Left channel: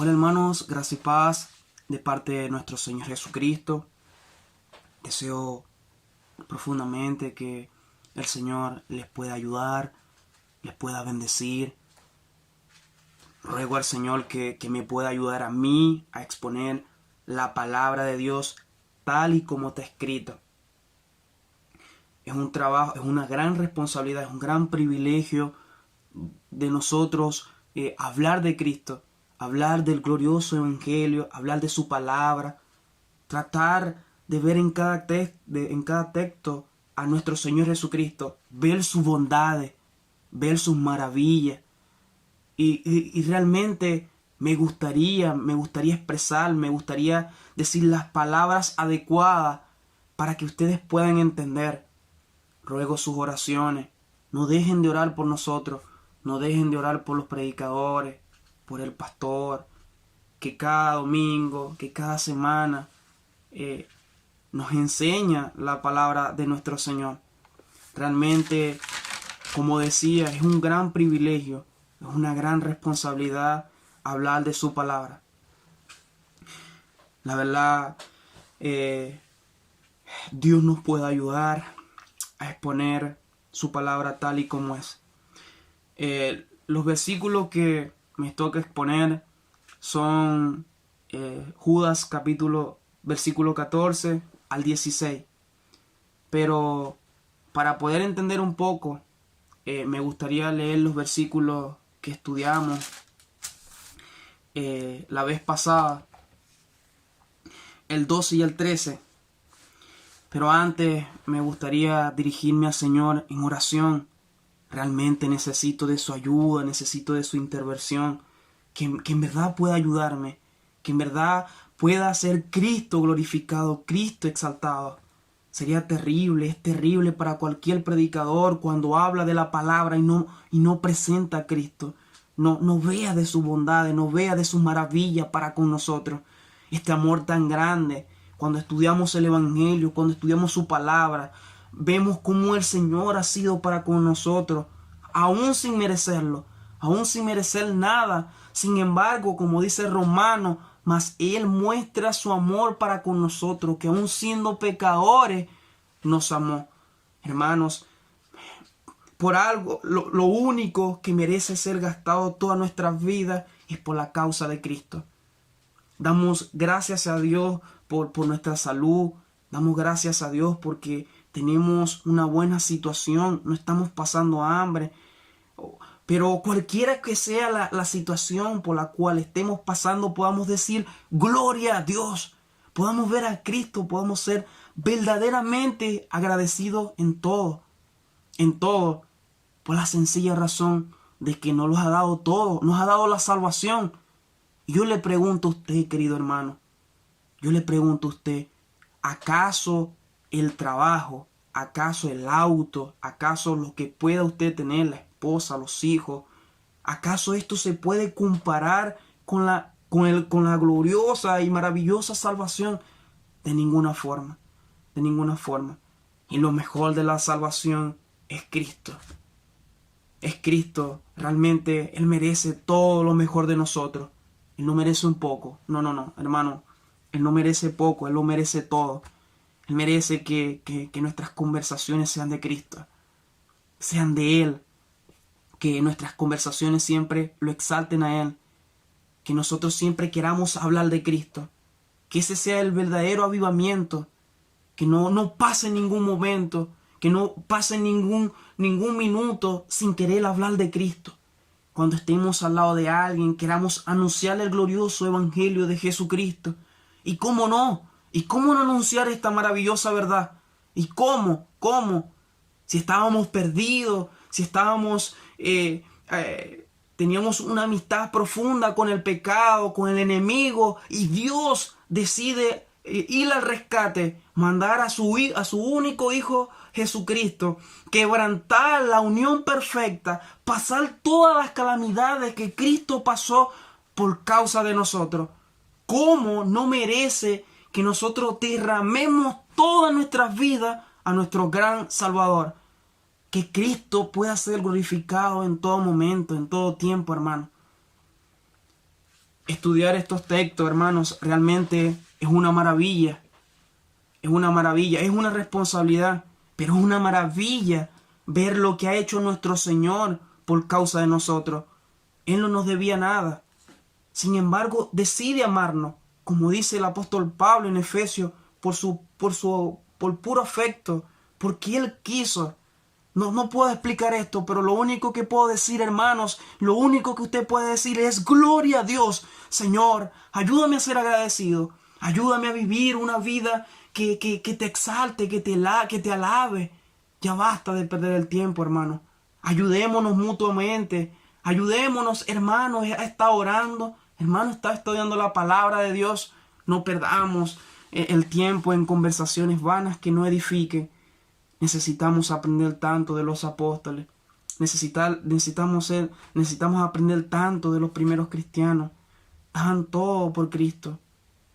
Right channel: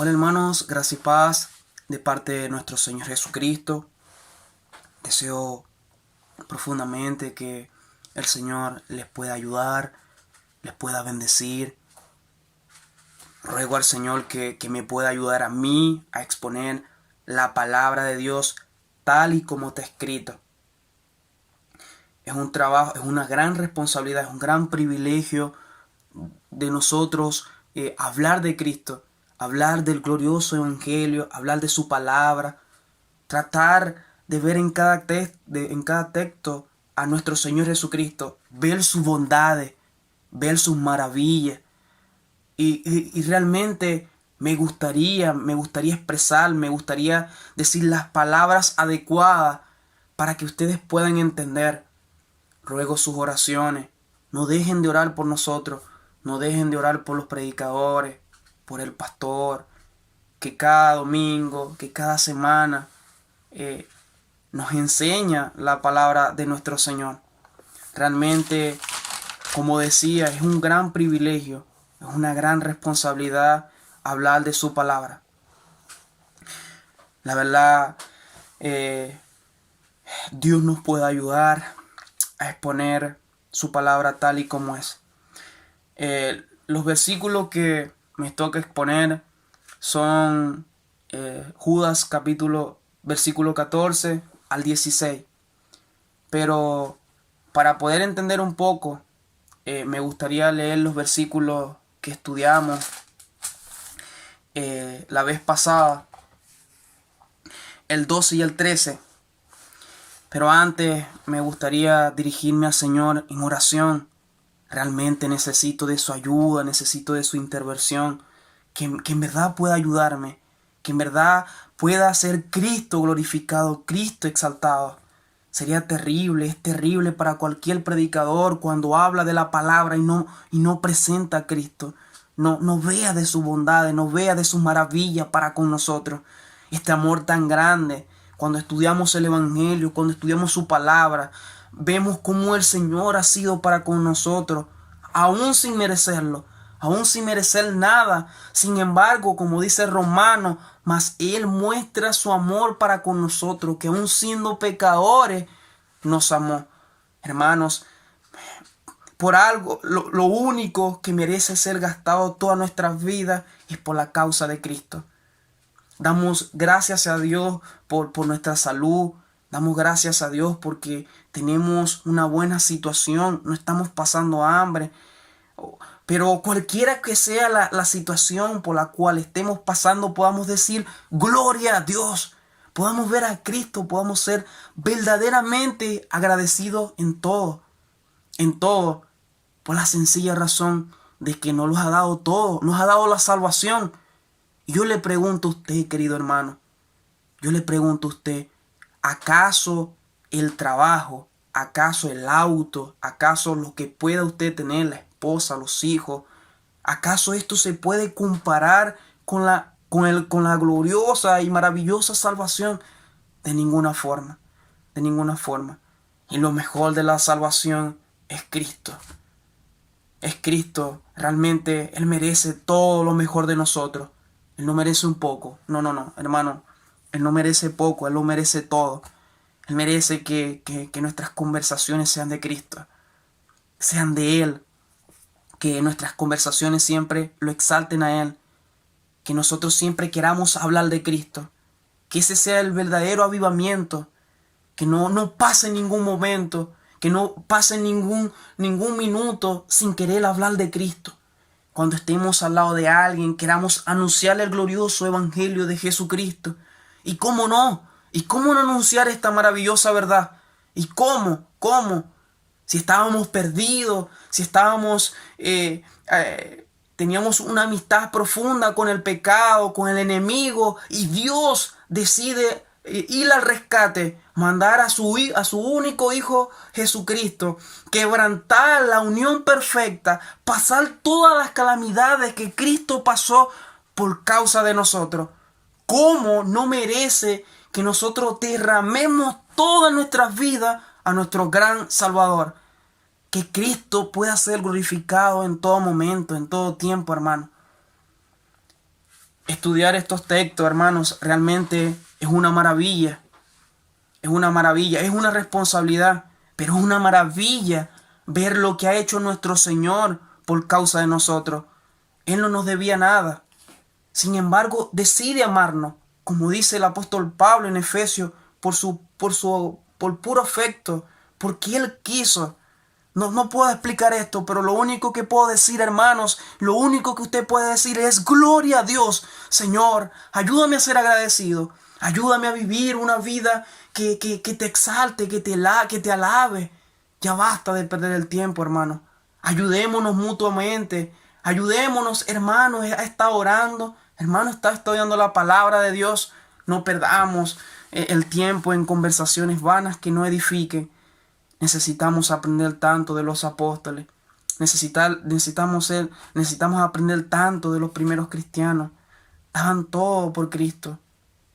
Hola hermanos, gracia y paz de parte de nuestro Señor Jesucristo. Deseo profundamente que el Señor les pueda ayudar, les pueda bendecir. Ruego al Señor que me pueda ayudar a mí a exponer la palabra de Dios tal y como está escrito. Es un trabajo, es una gran responsabilidad, es un gran privilegio de nosotros hablar de Cristo, hablar del glorioso evangelio, hablar de su palabra, tratar de ver en cada texto a nuestro Señor Jesucristo, ver sus bondades, ver sus maravillas. Y realmente me gustaría expresar, me gustaría decir las palabras adecuadas para que ustedes puedan entender. Ruego sus oraciones. No dejen de orar por nosotros. No dejen de orar por los predicadores, por el pastor, que cada domingo, que cada semana nos enseña la palabra de nuestro Señor. Realmente, como decía, es un gran privilegio, es una gran responsabilidad hablar de su palabra. La verdad, Dios nos puede ayudar a exponer su palabra tal y como es. Los versículos que me toca exponer son Judas versículo 14 al 16. Pero para poder entender un poco, me gustaría leer los versículos que estudiamos la vez pasada, el 12 y el 13. Pero antes me gustaría dirigirme al Señor en oración. Realmente necesito de su ayuda, necesito de su intervención, que en verdad pueda ayudarme, que en verdad pueda ser Cristo glorificado, Cristo exaltado. Sería terrible, es terrible para cualquier predicador cuando habla de la palabra y no presenta a Cristo. No vea de su bondad, no vea de sus maravillas para con nosotros. Este amor tan grande. Cuando estudiamos el Evangelio, cuando estudiamos su palabra, vemos cómo el Señor ha sido para con nosotros, aún sin merecerlo, aún sin merecer nada. Sin embargo, como dice Romano, mas Él muestra su amor para con nosotros, que aún siendo pecadores, nos amó. Hermanos, por algo, lo único que merece ser gastado toda nuestra vida es por la causa de Cristo. Damos gracias a Dios por nuestra salud. Damos gracias a Dios porque tenemos una buena situación. No estamos pasando hambre. Pero cualquiera que sea la situación por la cual estemos pasando, podamos decir gloria a Dios. Podamos ver a Cristo. Podamos ser verdaderamente agradecidos en todo. En todo. Por la sencilla razón de que nos lo ha dado todo. Nos ha dado la salvación. Y yo le pregunto a usted, querido hermano, yo le pregunto a usted, ¿acaso el trabajo, acaso el auto, acaso lo que pueda usted tener, la esposa, los hijos, acaso esto se puede comparar con la gloriosa y maravillosa salvación? De ninguna forma, de ninguna forma. Y lo mejor de la salvación es Cristo. Es Cristo, realmente Él merece todo lo mejor de nosotros. Él no merece un poco. No, hermano. Él no merece poco, Él lo merece todo. Él merece que nuestras conversaciones sean de Cristo, sean de Él. Que nuestras conversaciones siempre lo exalten a Él. Que nosotros siempre queramos hablar de Cristo. Que ese sea el verdadero avivamiento. Que no pase ningún momento, que no pase ningún minuto sin querer hablar de Cristo. Cuando estemos al lado de alguien, queramos anunciarle el glorioso evangelio de Jesucristo. ¿Y cómo no? ¿Y cómo no anunciar esta maravillosa verdad? ¿Y cómo? ¿Cómo? Si estábamos perdidos, si estábamos... teníamos una amistad profunda con el pecado, con el enemigo, y Dios decide ir al rescate, mandar a su único Hijo Jesucristo, quebrantar la unión perfecta, pasar todas las calamidades que Cristo pasó por causa de nosotros. ¿Cómo no merece que nosotros derramemos todas nuestras vidas a nuestro gran Salvador? Que Cristo pueda ser glorificado en todo momento, en todo tiempo, hermano. Estudiar estos textos, hermanos, realmente es una maravilla. Es una maravilla, es una responsabilidad, pero es una maravilla ver lo que ha hecho nuestro Señor por causa de nosotros. Él no nos debía nada. Sin embargo, decide amarnos, como dice el apóstol Pablo en Efesios, por puro afecto, porque Él quiso. No puedo explicar esto, pero lo único que puedo decir, hermanos, lo único que usted puede decir es gloria a Dios. Señor, ayúdame a ser agradecido. Ayúdame a vivir una vida que te exalte, que te alabe. Ya basta de perder el tiempo, hermano. Ayudémonos mutuamente. Ayudémonos, hermanos, a estar orando. Hermano, está estudiando la palabra de Dios. No perdamos el tiempo en conversaciones vanas que no edifiquen. Necesitamos aprender tanto de los apóstoles. Necesitamos aprender tanto de los primeros cristianos. Daban todo por Cristo.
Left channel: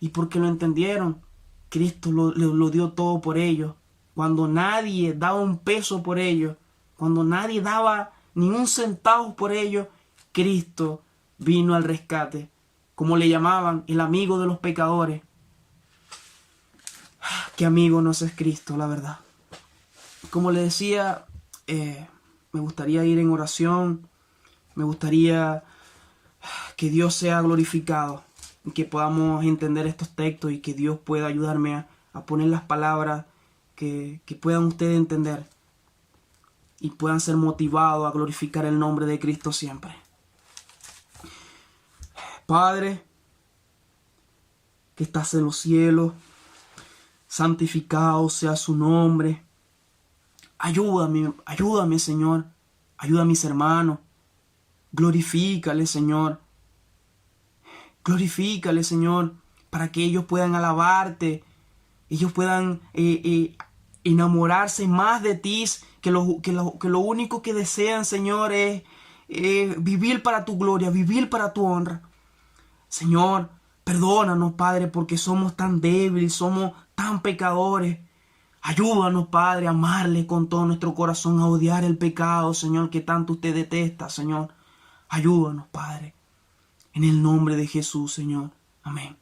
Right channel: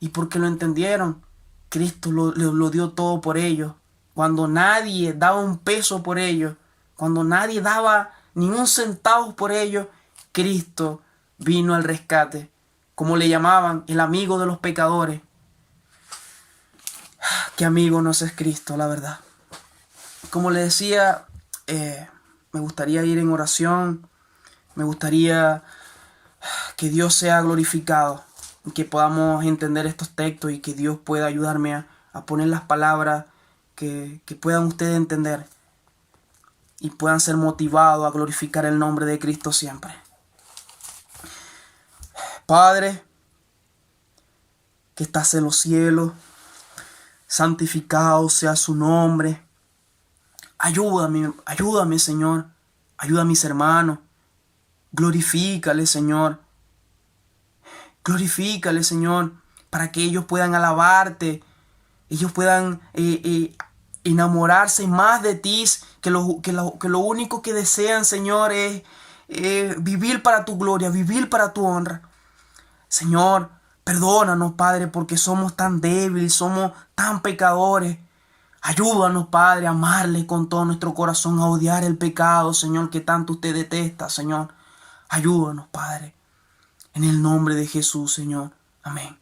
Y porque lo entendieron, Cristo lo dio todo por ellos. Cuando nadie daba un peso por ellos, cuando nadie daba ni un centavo por ellos, Cristo vino al rescate. Como le llamaban, el amigo de los pecadores. Qué amigo nos es Cristo, la verdad. Como le decía, me gustaría ir en oración, me gustaría que Dios sea glorificado, que podamos entender estos textos y que Dios pueda ayudarme a poner las palabras que puedan ustedes entender y puedan ser motivados a glorificar el nombre de Cristo siempre. Padre, que estás en los cielos, santificado sea su nombre. Ayúdame, Señor. Ayuda a mis hermanos. Glorifícale, Señor. Glorifícale, Señor, para que ellos puedan alabarte. Ellos puedan enamorarse más de ti, que lo único que desean, Señor, es vivir para tu gloria, vivir para tu honra. Señor, perdónanos, Padre, porque somos tan débiles, somos tan pecadores. Ayúdanos, Padre, a amarle con todo nuestro corazón, a odiar el pecado, Señor, que tanto usted detesta, Señor. Ayúdanos, Padre. En el nombre de Jesús, Señor. Amén.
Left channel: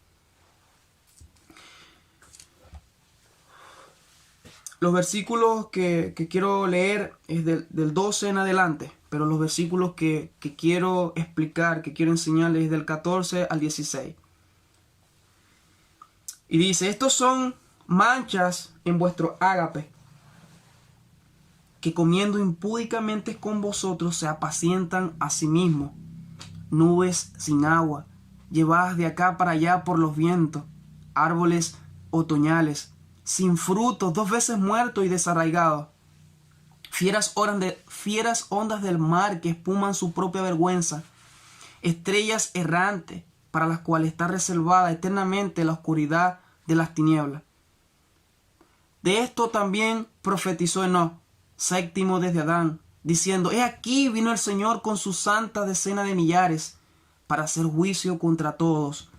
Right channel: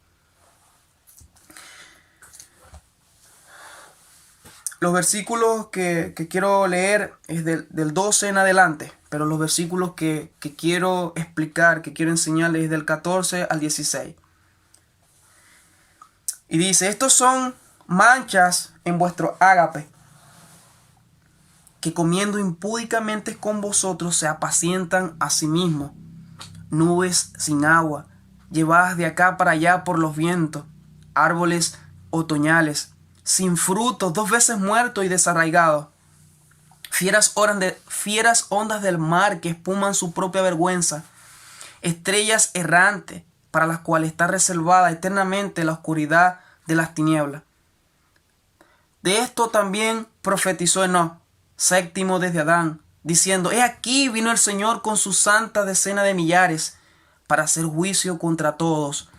Los versículos que quiero leer es del 12 en adelante, pero los versículos que quiero explicar, que quiero enseñarles es del 14 al 16. Y dice, estos son manchas en vuestro ágape, que comiendo impúdicamente con vosotros se apacientan a sí mismos, nubes sin agua, llevadas de acá para allá por los vientos, árboles otoñales, sin frutos, 2 veces muertos y desarraigados, fieras ondas del mar que espuman su propia vergüenza, estrellas errantes para las cuales está reservada eternamente la oscuridad de las tinieblas. De esto también profetizó Enoc, séptimo desde Adán, diciendo, he aquí vino el Señor con su santa decena de millares, para hacer juicio contra todos,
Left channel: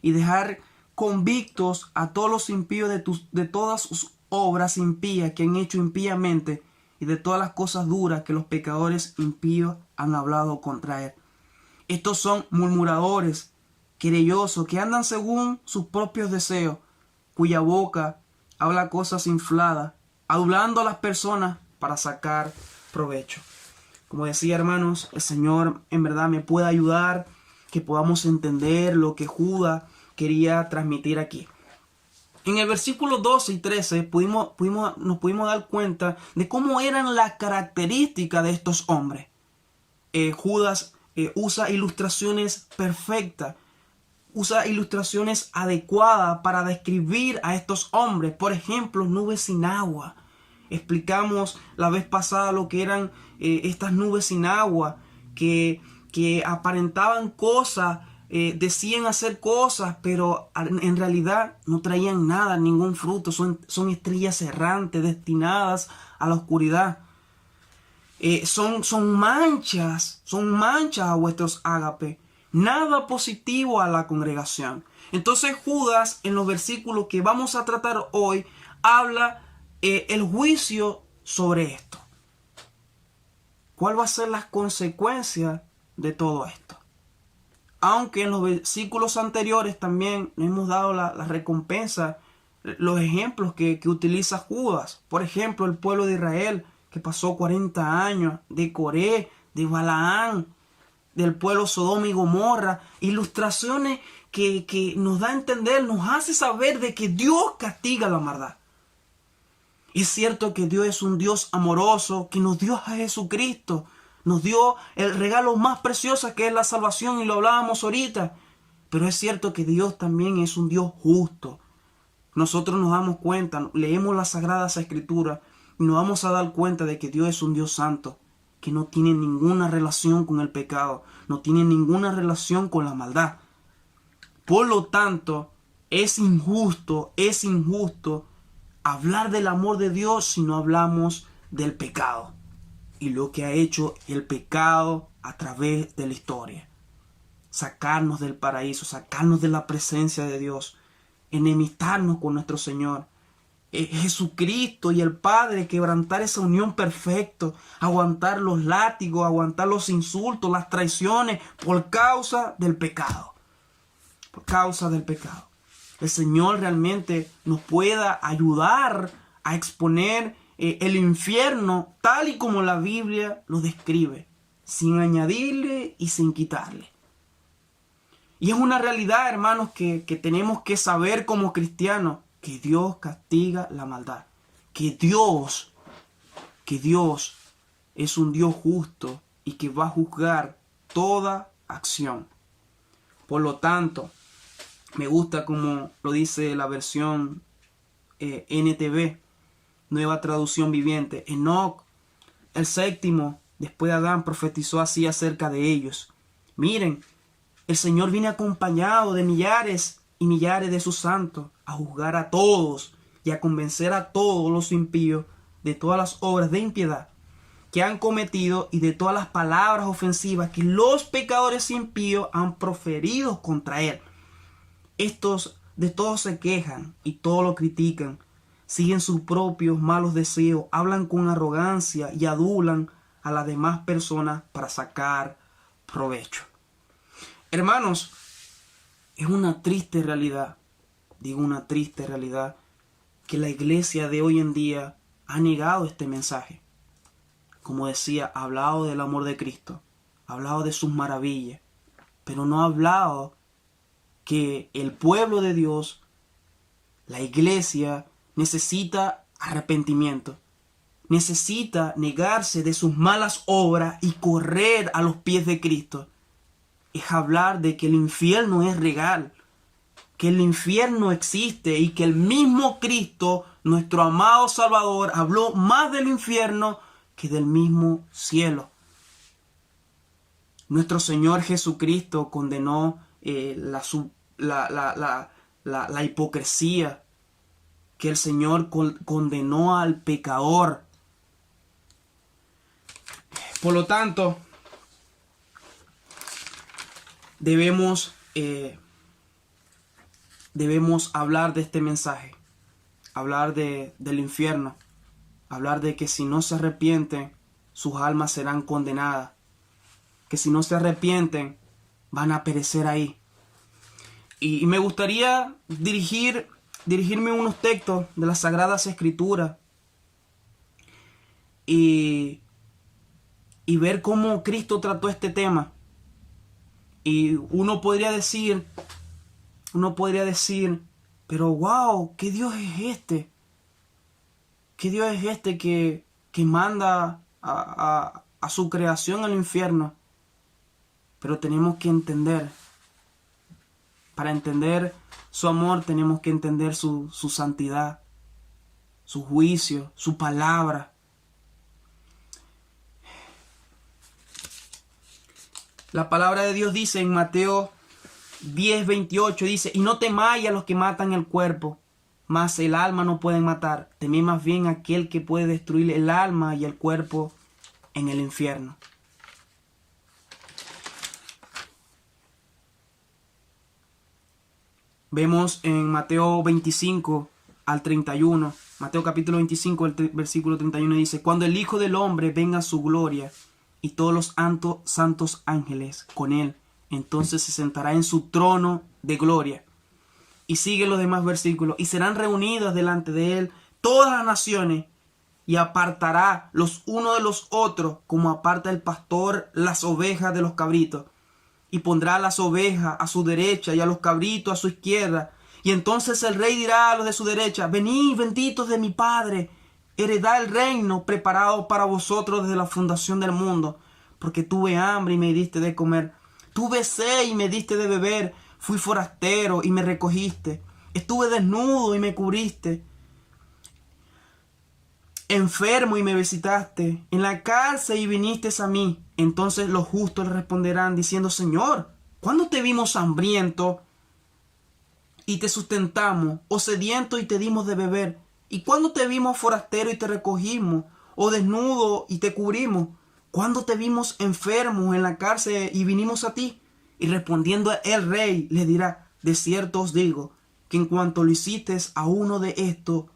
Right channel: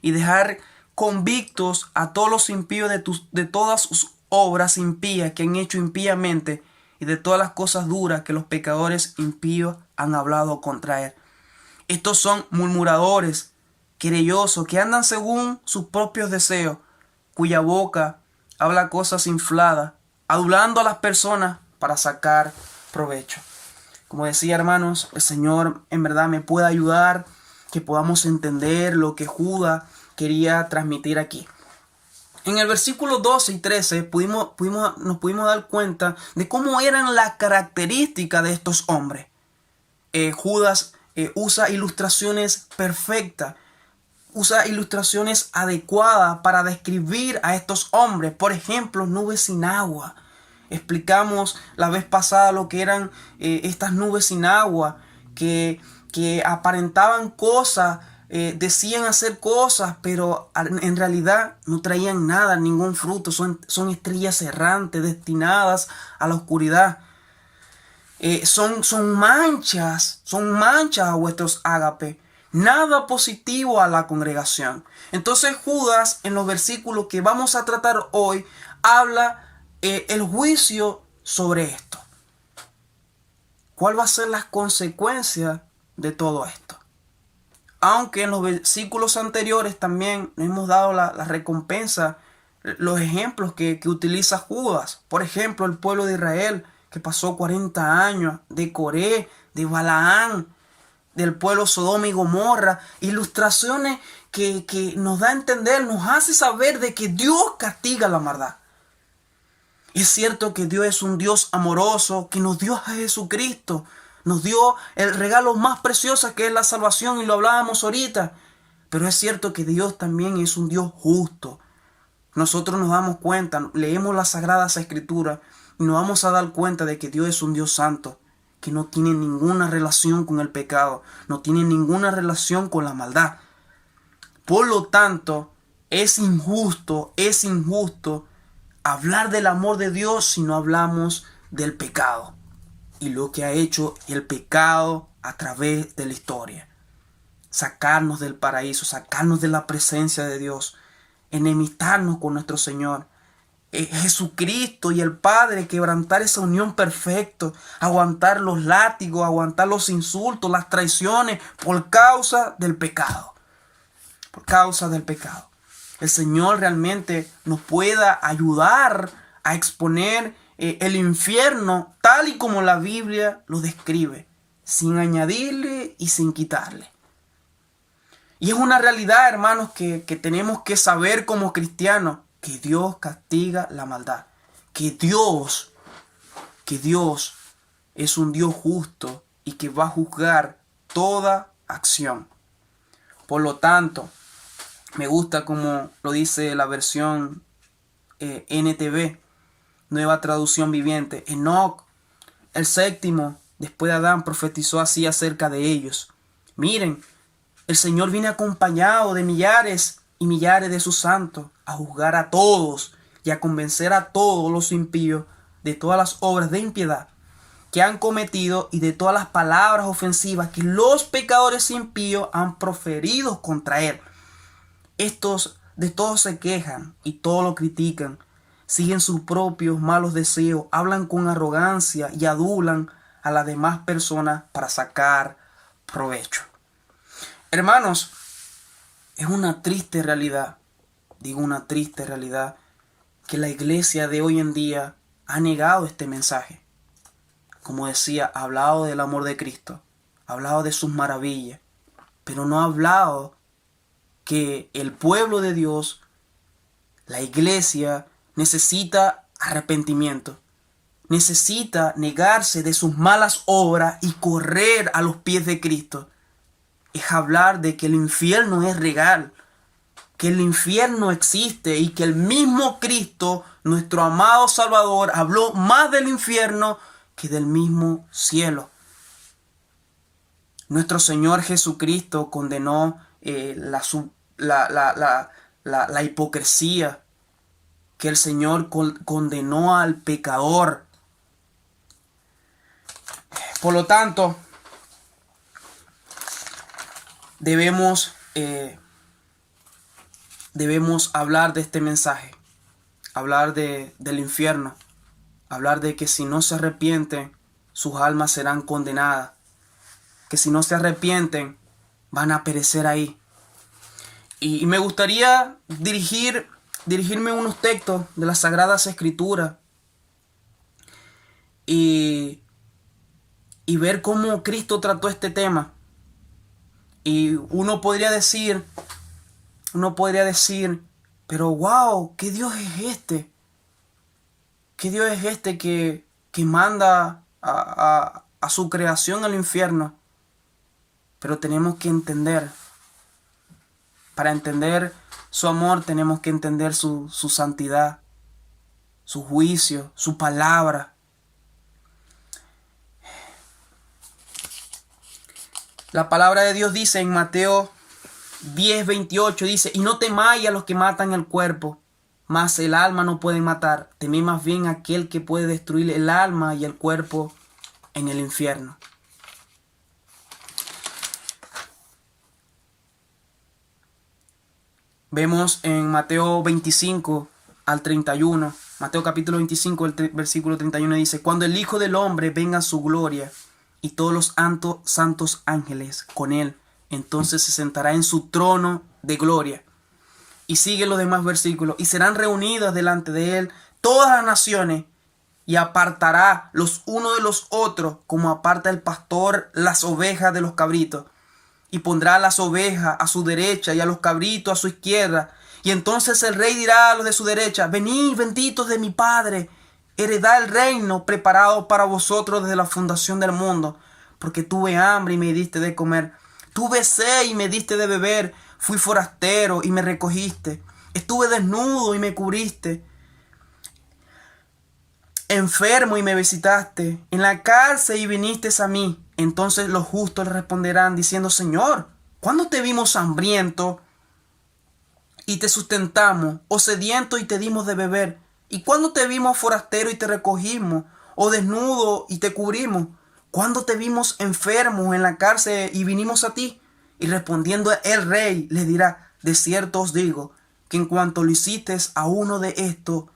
y dejar convictos a todos los impíos de todas sus obras impías que han hecho impíamente, y de todas las cosas duras que los pecadores impíos han hablado contra él. Estos son murmuradores, querellosos, que andan según sus propios deseos, cuya boca habla cosas infladas, adulando a las personas para sacar provecho. Como decía, hermanos, el Señor en verdad me puede ayudar, que podamos entender lo que Judas quería transmitir aquí. En el versículo 12 y 13 nos pudimos dar cuenta de cómo eran las características de estos hombres. Judas usa ilustraciones perfectas, usa ilustraciones adecuadas para describir a estos hombres. Por ejemplo, nubes sin agua. Explicamos la vez pasada lo que eran estas nubes sin agua, que aparentaban cosas, decían hacer cosas, pero en realidad no traían nada, ningún fruto. Son estrellas errantes destinadas a la oscuridad. Son manchas a vuestros ágapes. Nada positivo a la congregación. Entonces Judas, en los versículos que vamos a tratar hoy, habla el juicio sobre esto. ¿Cuál va a ser las consecuencias de todo esto? Aunque en los versículos anteriores también nos hemos dado la recompensa, los ejemplos que utiliza Judas. Por ejemplo, el pueblo de Israel que pasó 40 años, de Coré, de Balaán, del pueblo Sodoma y Gomorra. Ilustraciones que nos da a entender, nos hace saber de que Dios castiga la maldad. Es cierto que Dios es un Dios amoroso, que nos dio a Jesucristo. Nos dio el regalo más precioso que es la salvación, y lo hablábamos ahorita. Pero es cierto que Dios también es un Dios justo. Nosotros nos damos cuenta, leemos las Sagradas Escrituras y nos vamos a dar cuenta de que Dios es un Dios santo, que no tiene ninguna relación con el pecado, no tiene ninguna relación con la maldad. Por lo tanto, es injusto hablar del amor de Dios si no hablamos del pecado y lo que ha hecho el pecado a través de la historia. Sacarnos del paraíso, sacarnos de la presencia de Dios, enemistarnos con nuestro Señor. Jesucristo y el Padre quebrantar esa unión perfecta, aguantar los látigos, aguantar los insultos, las traiciones por causa del pecado. Por causa del pecado. El Señor realmente nos pueda ayudar a exponer el infierno tal y como la Biblia lo describe, sin añadirle y sin quitarle. Y es una realidad, hermanos, que tenemos que saber como cristianos, que Dios castiga la maldad, que Dios es un Dios justo y que va a juzgar toda acción. Por lo tanto, me gusta como lo dice la versión NTV, Nueva Traducción Viviente. Enoc, el séptimo, después de Adán, profetizó así acerca de ellos. Miren, el Señor viene acompañado de millares y millares de sus santos a juzgar a todos y a convencer a todos los impíos de todas las obras de impiedad que han cometido y de todas las palabras ofensivas que los pecadores impíos han proferido contra él. Estos de todos se quejan y todo lo critican, siguen sus propios malos deseos, hablan con arrogancia y adulan a las demás personas para sacar provecho. Hermanos, es una triste realidad, que la iglesia de hoy en día ha negado este mensaje. Como decía, ha hablado del amor de Cristo, ha hablado de sus maravillas, pero no ha hablado que el pueblo de Dios, la iglesia, necesita arrepentimiento, necesita negarse de sus malas obras y correr a los pies de Cristo. Es hablar de que el infierno es real, que el infierno existe y que el mismo Cristo, nuestro amado Salvador, habló más del infierno que del mismo cielo. Nuestro Señor Jesucristo condenó la hipocresía, que el Señor condenó al pecador. Por lo tanto, debemos hablar de este mensaje, hablar del infierno, hablar de que si no se arrepienten, sus almas serán condenadas, que si no se arrepienten, van a perecer ahí. Y me gustaría dirigirme a unos textos de las Sagradas Escrituras y ver cómo Cristo trató este tema. Y uno podría decir, pero wow, ¿qué Dios es este? ¿Qué Dios es este que manda a su creación al infierno? Pero tenemos que entender, para entender su amor tenemos que entender su santidad, su juicio, su palabra. La palabra de Dios dice en Mateo 10:28, dice: y no temáis a los que matan el cuerpo, mas el alma no pueden matar. Temed más bien a aquel que puede destruir el alma y el cuerpo en el infierno. Vemos en Mateo 25 al 31, Mateo capítulo 25, el versículo 31 dice: cuando el Hijo del Hombre venga a su gloria y todos los santos ángeles con él, entonces se sentará en su trono de gloria. Y sigue los demás versículos. Y serán reunidas delante de él todas las naciones, y apartará los unos de los otros, como aparta el pastor las ovejas de los cabritos. Y pondrá a las ovejas a su derecha y a los cabritos a su izquierda. Y entonces el rey dirá a los de su derecha: venid, benditos de mi Padre, heredad el reino preparado para vosotros desde la fundación del mundo. Porque tuve hambre y me diste de comer, tuve sed y me diste de beber, fui forastero y me recogiste, estuve desnudo y me cubriste, enfermo y me visitaste, en la cárcel y viniste a mí. Entonces los justos le responderán diciendo: Señor, ¿cuándo te vimos hambriento y te sustentamos, o sediento y te dimos de beber? ¿Y cuándo te vimos forastero y te recogimos, o desnudo y te cubrimos? ¿Cuándo te vimos enfermos en la cárcel y vinimos a ti? Y respondiendo el rey les dirá: de cierto os digo que en cuanto lo hiciste a uno de estos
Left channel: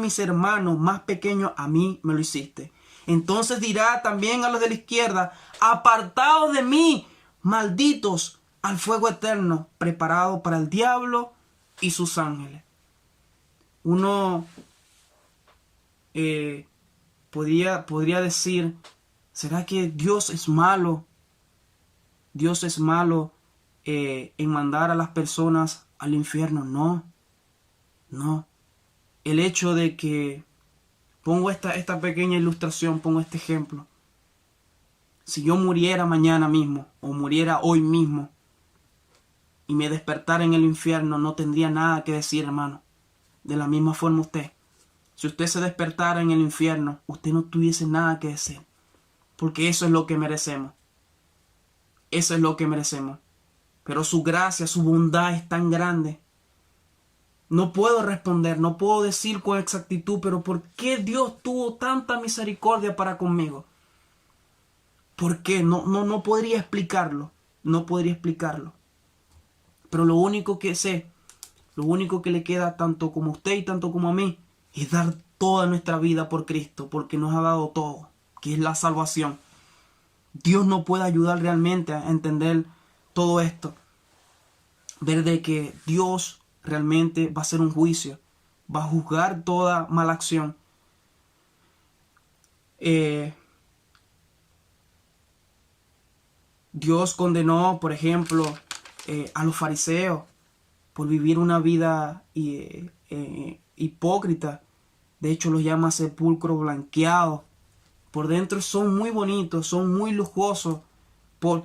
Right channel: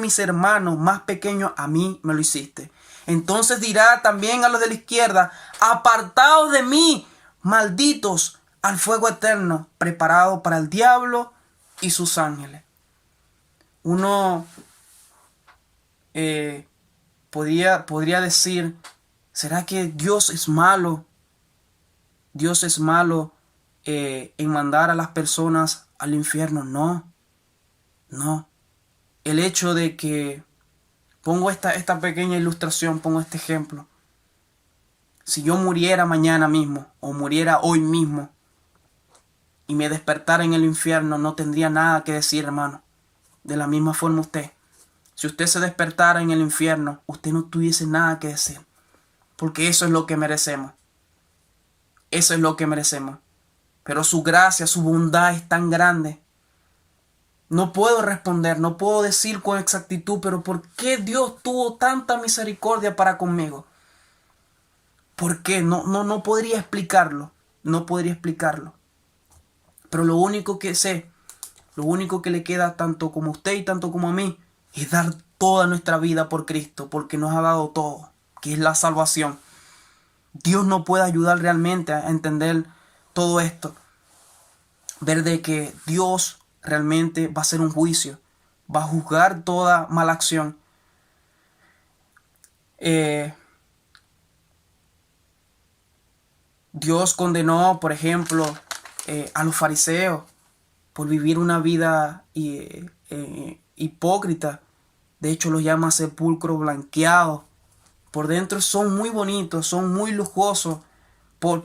mis hermanos más pequeños, a mí me lo hiciste. Entonces dirá también a los de la izquierda: apartaos de mí, malditos, al fuego eterno, preparado para el diablo y sus ángeles. Uno podría decir: ¿será que Dios es malo? Dios es malo en mandar a las personas al infierno. No. El hecho de que pongo esta pequeña ilustración, pongo este ejemplo. Si yo muriera mañana mismo o muriera hoy mismo y me despertara en el infierno, no tendría nada que decir, hermano. De la misma forma usted. Si usted se despertara en el infierno, usted no tuviese nada que decir. Porque eso es lo que merecemos. Eso es lo que merecemos. Pero su gracia, su bondad es tan grande. No puedo responder, no puedo decir con exactitud, pero ¿por qué Dios tuvo tanta misericordia para conmigo? ¿Por qué? No podría explicarlo. No podría explicarlo. Pero lo único que sé, lo único que le queda tanto como a usted y tanto como a mí, es dar toda nuestra vida por Cristo, porque nos ha dado todo, que es la salvación. Dios nos puede ayudar realmente a entender todo esto. Ver de que Dios realmente va a hacer un juicio, va a juzgar toda mala acción. Dios condenó, por ejemplo, a los fariseos por vivir una vida hipócrita. De hecho, los llama sepulcro blanqueado. Por dentro son muy bonitos, son muy lujosos. Por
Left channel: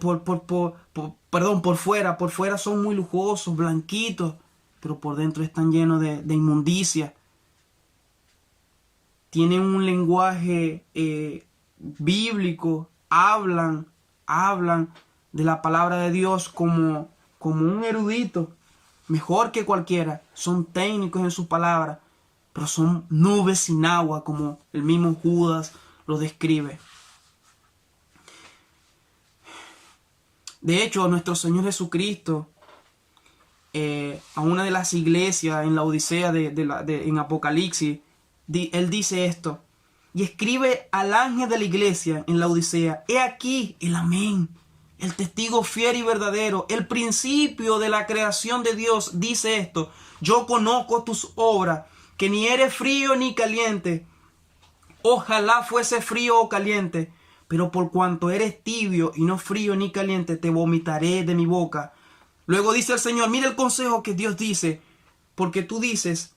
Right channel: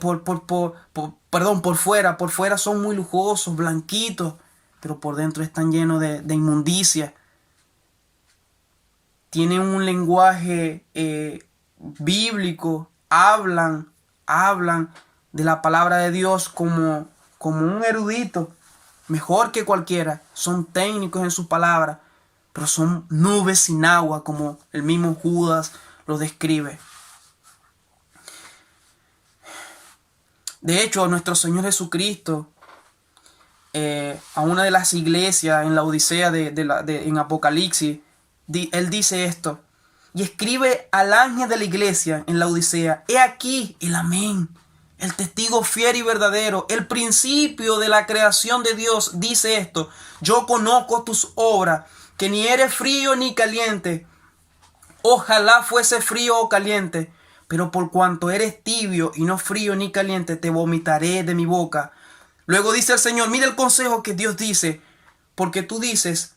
fuera son muy lujosos, blanquitos, pero por dentro están llenos de inmundicia. Tienen un lenguaje bíblico, hablan de la palabra de Dios como un erudito, mejor que cualquiera. Son técnicos en su palabra, pero son nubes sin agua, como el mismo Judas lo describe. De hecho, nuestro Señor Jesucristo, a una de las iglesias en la Odisea en Apocalipsis, Él dice esto: y escribe al ángel de la iglesia en la Odisea: he aquí el amén, el testigo fiel y verdadero, el principio de la creación de Dios, dice esto: yo conozco tus obras, que ni eres frío ni caliente. Ojalá fuese frío o caliente, pero por cuanto eres tibio y no frío ni caliente, te vomitaré de mi boca. Luego dice el Señor, mira el consejo que Dios dice, porque tú dices:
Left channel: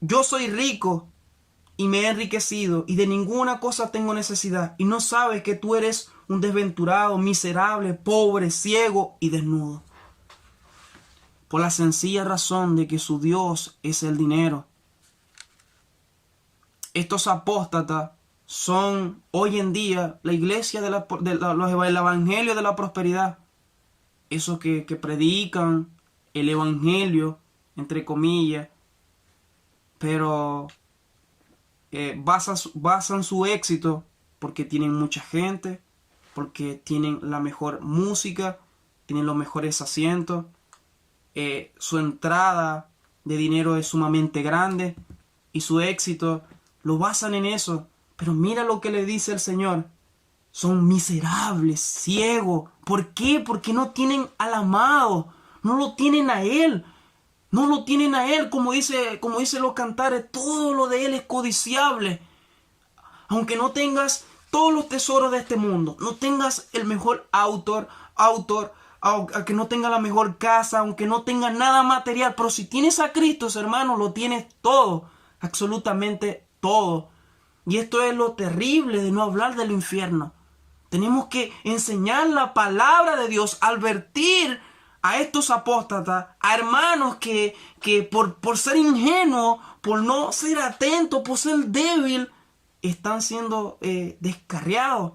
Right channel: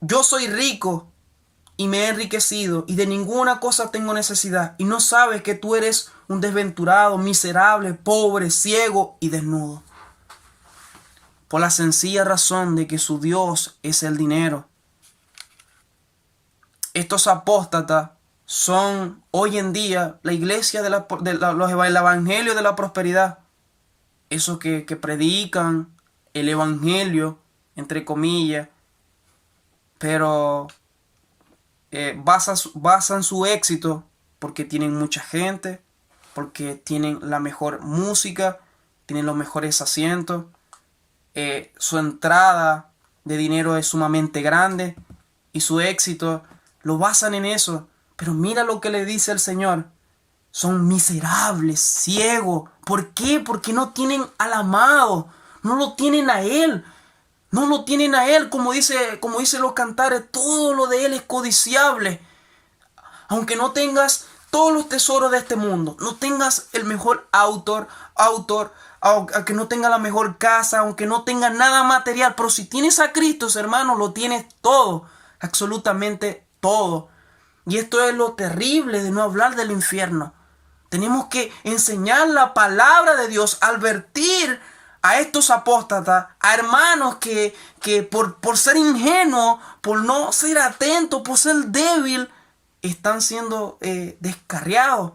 yo soy rico y me he enriquecido y de ninguna cosa tengo necesidad, y no sabes que tú eres un desventurado, miserable, pobre, ciego y desnudo. Por la sencilla razón de que su Dios es el dinero. Estos apóstatas son hoy en día la iglesia el evangelio de la prosperidad. Esos que predican el evangelio, entre comillas, pero basan su éxito porque tienen mucha gente, porque tienen la mejor música, tienen los mejores asientos, su entrada de dinero es sumamente grande y su éxito lo basan en eso. Pero mira lo que le dice el Señor: son miserables, ciegos. ¿Por qué? Porque no tienen al amado, no lo tienen a Él. No lo tienen a Él, como dice los cantares, todo lo de Él es codiciable. Aunque no tengas todos los tesoros de este mundo, no tengas el mejor autor, aunque no tenga la mejor casa, aunque no tenga nada material, pero si tienes a Cristo, hermano, lo tienes todo, absolutamente todo. Y esto es lo terrible de no hablar del infierno. Tenemos que enseñar la palabra de Dios, advertir a estos apóstatas, a hermanos que por ser ingenuos, por no ser atentos, por ser débil, están siendo descarriados.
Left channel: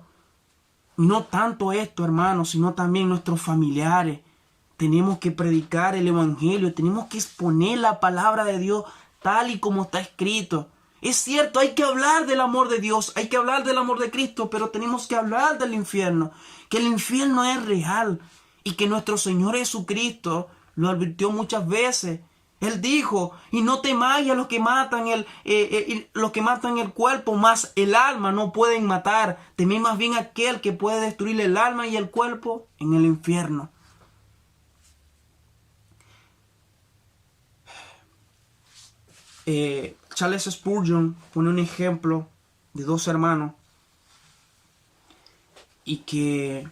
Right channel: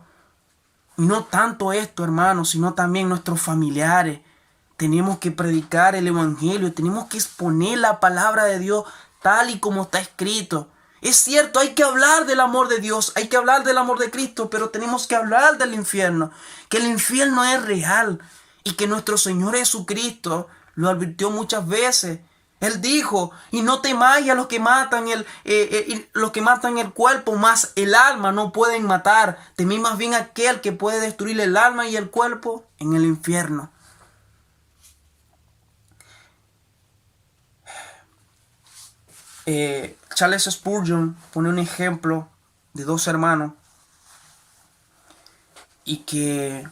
Y no tanto esto, hermanos, sino también nuestros familiares. Tenemos que predicar el evangelio, tenemos que exponer la palabra de Dios tal y como está escrito. Es cierto, hay que hablar del amor de Dios, hay que hablar del amor de Cristo, pero tenemos que hablar del infierno, que el infierno es real y que nuestro Señor Jesucristo lo advirtió muchas veces. Él dijo, y no temáis a los que matan el cuerpo, mas el alma no pueden matar. Temid más bien aquel que puede destruir el alma y el cuerpo en el infierno. Charles Spurgeon pone un ejemplo de dos hermanos y que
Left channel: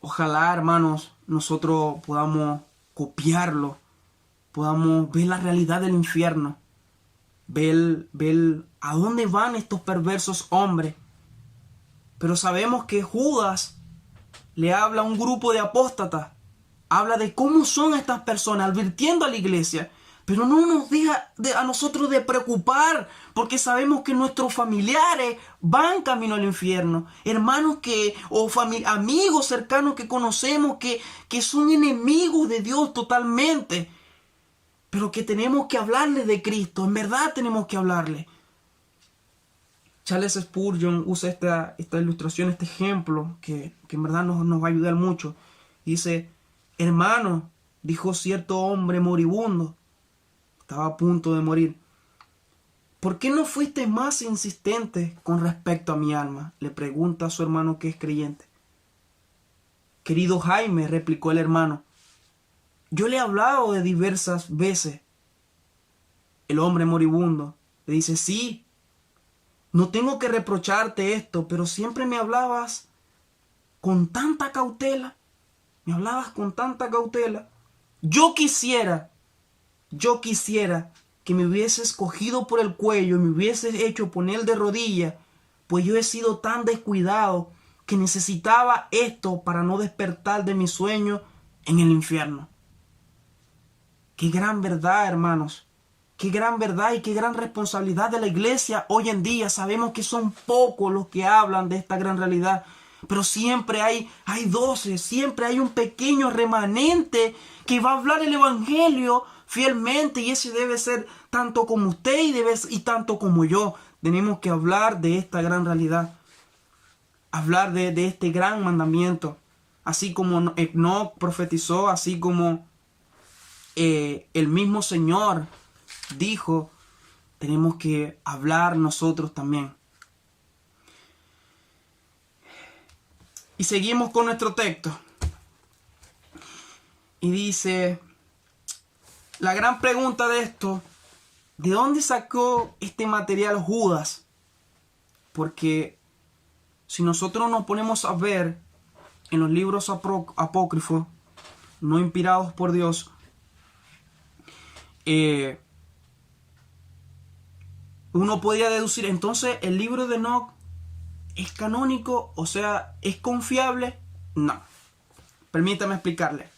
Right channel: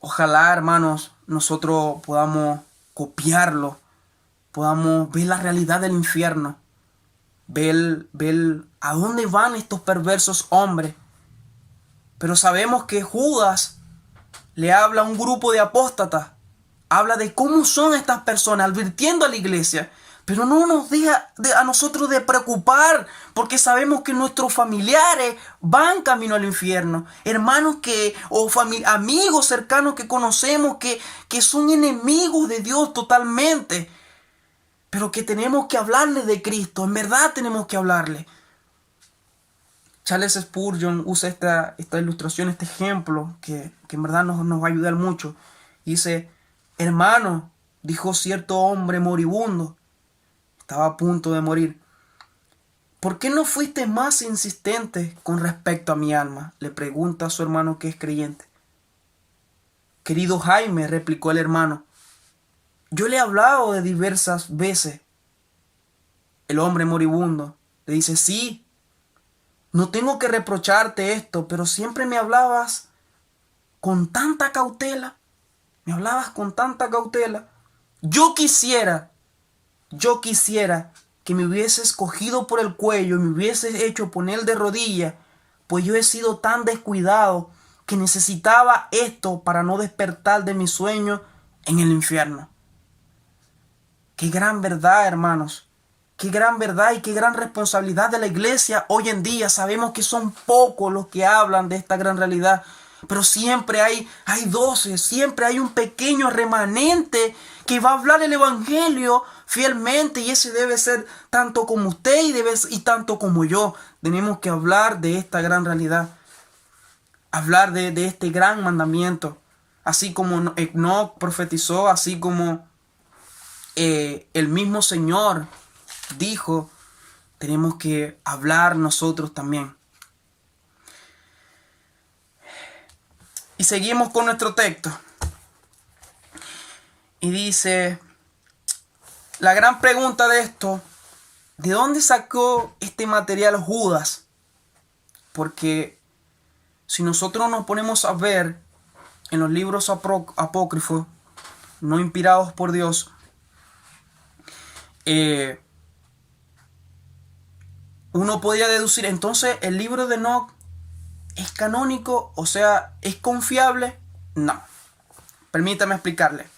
ojalá, hermanos, nosotros podamos copiarlo, podamos ver la realidad del infierno, ver a dónde van estos perversos hombres. Pero sabemos que Judas le habla a un grupo de apóstatas, habla de cómo son estas personas, advirtiendo a la iglesia. Pero no nos deja a nosotros de preocupar, porque sabemos que nuestros familiares van camino al infierno. Hermanos amigos cercanos que conocemos que son enemigos de Dios totalmente. Pero que tenemos que hablarles de Cristo, en verdad tenemos que hablarles. Charles Spurgeon usa esta ilustración, este ejemplo, que en verdad nos va a ayudar mucho. Dice, hermano, dijo cierto hombre moribundo, estaba a punto de morir. ¿Por qué no fuiste más insistente con respecto a mi alma?, le pregunta a su hermano que es creyente. Querido Jaime, replicó el hermano, yo le he hablado de diversas veces. El hombre moribundo le dice, sí, no tengo que reprocharte esto, pero siempre me hablabas con tanta cautela. Me hablabas con tanta cautela. Yo quisiera que me hubieses cogido por el cuello y me hubieses hecho poner de rodillas, pues yo he sido tan descuidado que necesitaba esto para no despertar de mi sueño en el infierno. Qué gran verdad, hermanos. Qué gran verdad y qué gran responsabilidad de la iglesia hoy en día. Sabemos que son pocos los que hablan de esta gran realidad, pero siempre hay 12, siempre hay un pequeño remanente que va a hablar el evangelio fielmente, y ese debe ser tanto como usted y tanto como yo. Tenemos que hablar de esta gran realidad, hablar de este gran mandamiento, así como Enoc profetizó, así como el mismo Señor dijo, tenemos que hablar nosotros también. Y seguimos con nuestro texto. Y dice, la gran pregunta de esto, ¿de dónde sacó este material Judas? Porque si nosotros nos ponemos a ver en los libros apócrifos, no inspirados por Dios, uno podría deducir, entonces el libro de Enoc ¿es canónico? O sea, ¿es confiable? No. Permítame explicarle.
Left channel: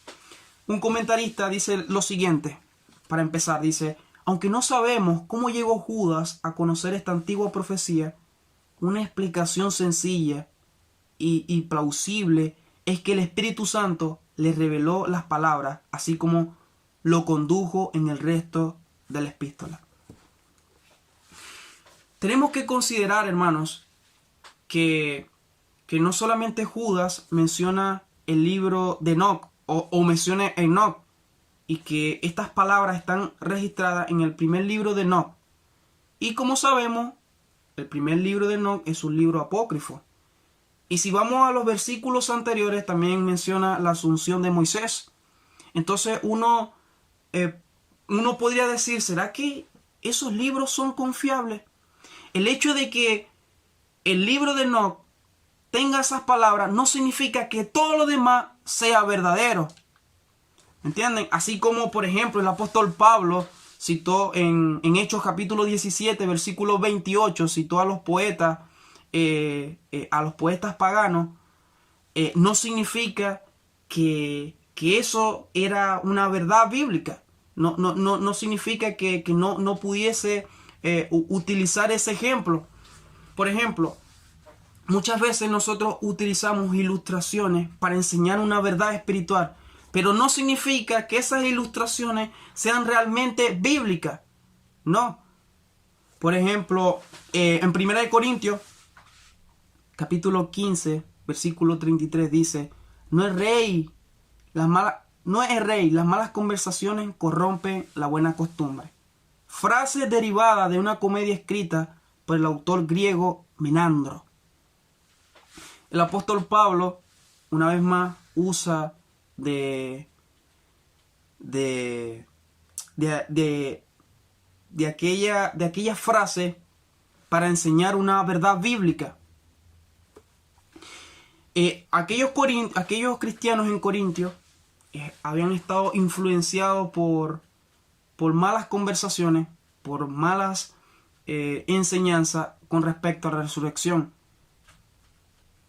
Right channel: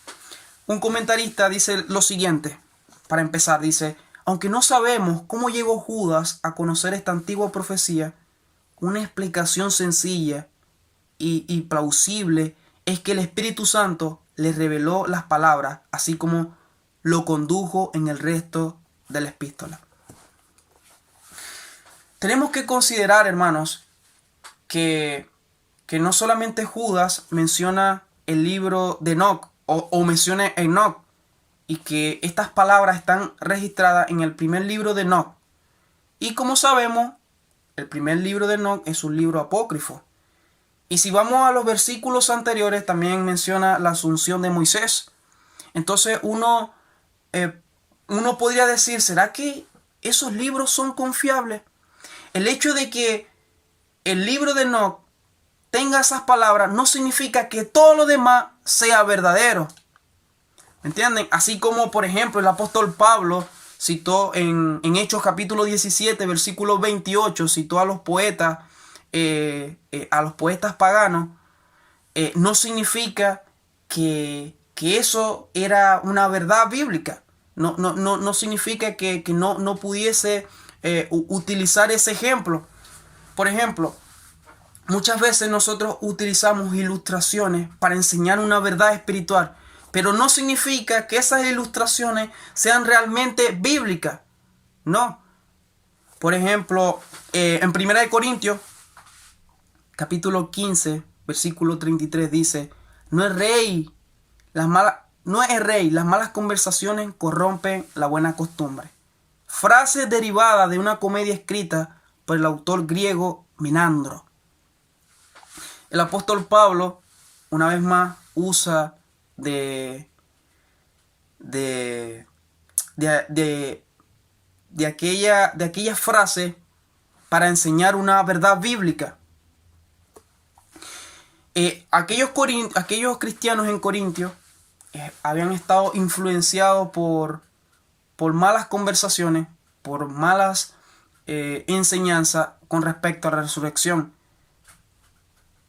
Un comentarista dice lo siguiente, para empezar, dice, aunque no sabemos cómo llegó Judas a conocer esta antigua profecía, una explicación sencilla y plausible es que el Espíritu Santo le reveló las palabras, así como lo condujo en el resto de la epístola. Tenemos que considerar, hermanos, que no solamente Judas menciona el libro de Enoc o menciona Enoc, y que estas palabras están registradas en el primer libro de Enoc. Y como sabemos, el primer libro de Enoc es un libro apócrifo. Y si vamos a los versículos anteriores, también menciona la asunción de Moisés. Entonces uno podría decir, ¿será que esos libros son confiables? El hecho de que el libro de Enoc tenga esas palabras no significa que todo lo demás sea verdadero. ¿Me entienden? Así como, por ejemplo, el apóstol Pablo citó en Hechos capítulo 17, versículo 28, citó a los poetas paganos, no significa que eso era una verdad bíblica. No significa que no pudiese utilizar ese ejemplo. Por ejemplo, muchas veces nosotros utilizamos ilustraciones para enseñar una verdad espiritual, pero no significa que esas ilustraciones sean realmente bíblicas. No. Por ejemplo, en 1 Corintios, capítulo 15, versículo 33 dice, no es rey, las malas conversaciones corrompen la buena costumbre. Frase derivada de una comedia escrita por el autor griego Menandro. El apóstol Pablo, una vez más, usa de aquella frase para enseñar una verdad bíblica. Aquellos cristianos en Corintio habían estado influenciados por malas conversaciones, por malas enseñanzas con respecto a la resurrección.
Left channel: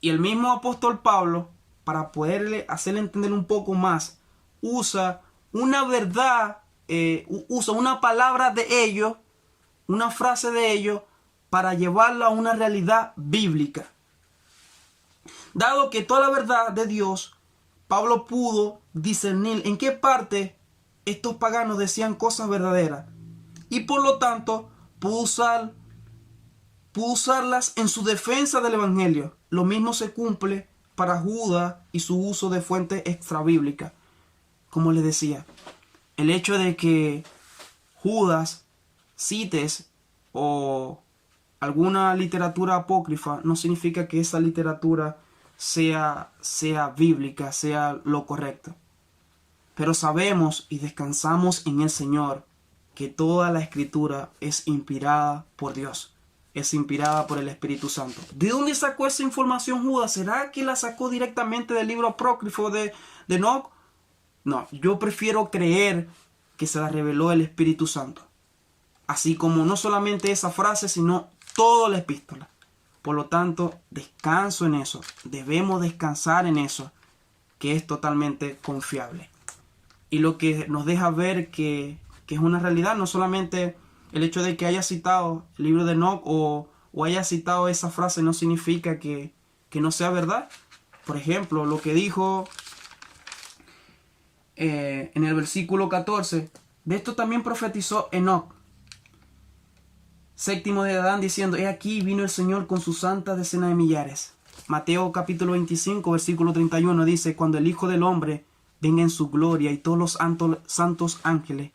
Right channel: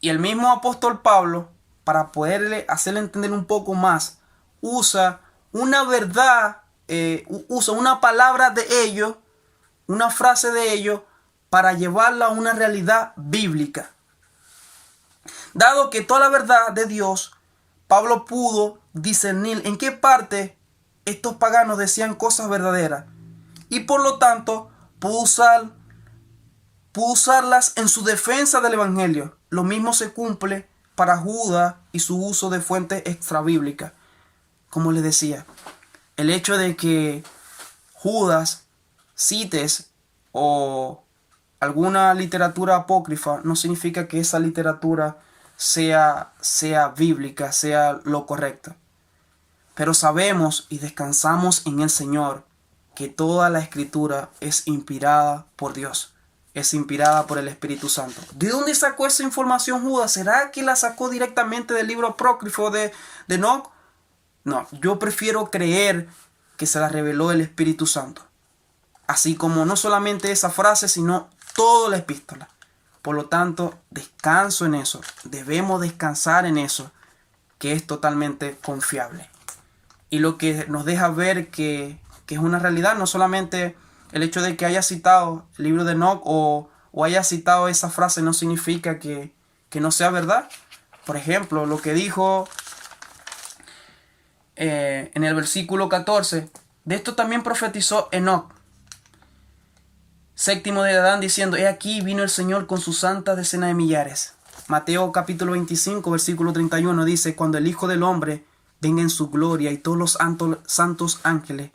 Y el mismo apóstol Pablo, para poderle hacerle entender un poco más, usa una verdad, usa una palabra de ellos, una frase de ellos, para llevarla a una realidad bíblica. Dado que toda la verdad de Dios, Pablo pudo discernir en qué parte estos paganos decían cosas verdaderas, y por lo tanto pudo usarlas en su defensa del evangelio. Lo mismo se cumple para Judas y su uso de fuentes extrabíblicas. Como les decía, el hecho de que Judas cites o alguna literatura apócrifa no significa que esa literatura sea bíblica, sea lo correcto. Pero sabemos y descansamos en el Señor que toda la escritura es inspirada por Dios, es inspirada por el Espíritu Santo. ¿De dónde sacó esa información Judas? ¿Será que la sacó directamente del libro apócrifo de Enoc? No, yo prefiero creer que se la reveló el Espíritu Santo. Así como no solamente esa frase, sino toda la epístola. Por lo tanto, descanso en eso. Debemos descansar en eso, que es totalmente confiable. Y lo que nos deja ver que es una realidad, no solamente el hecho de que haya citado el libro de Enoc o haya citado esa frase no significa que no sea verdad. Por ejemplo, lo que dijo en el versículo 14, de esto también profetizó Enoc, séptimo de Adán, diciendo, he aquí vino el Señor con sus santas decenas de millares. Mateo capítulo 25, versículo 31 dice, cuando el Hijo del Hombre venga en su gloria y todos los santos ángeles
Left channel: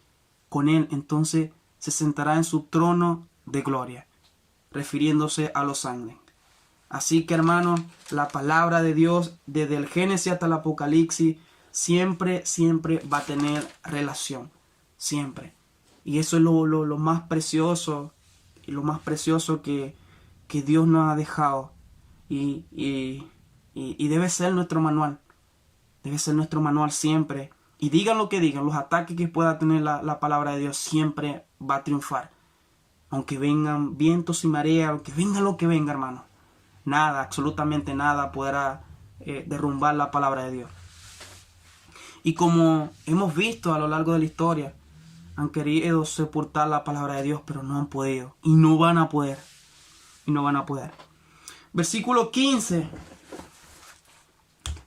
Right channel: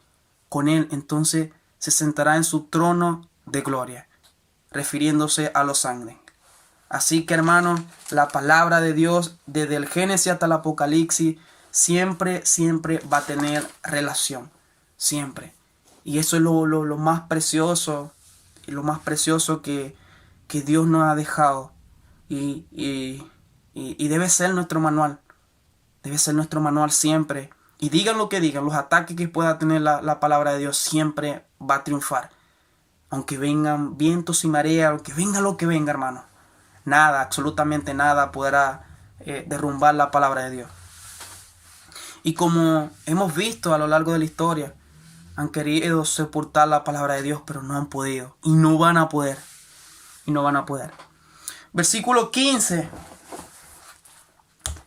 con él, entonces se sentará en su trono de gloria, refiriéndose a los ángeles. Así que, hermanos, la palabra de Dios, desde el Génesis hasta el Apocalipsis, siempre va a tener relación. Siempre. Y eso es lo más precioso, y lo más precioso que Dios nos ha dejado. Y debe ser nuestro manual. Debe ser nuestro manual siempre. Y digan lo que digan, los ataques que pueda tener la palabra de Dios siempre va a triunfar. Aunque vengan vientos y mareas, aunque venga lo que venga, hermano. Nada, absolutamente nada podrá derrumbar la palabra de Dios. Y como hemos visto a lo largo de la historia, han querido sepultar la palabra de Dios, pero no han podido. Y no van a poder. Versículo 15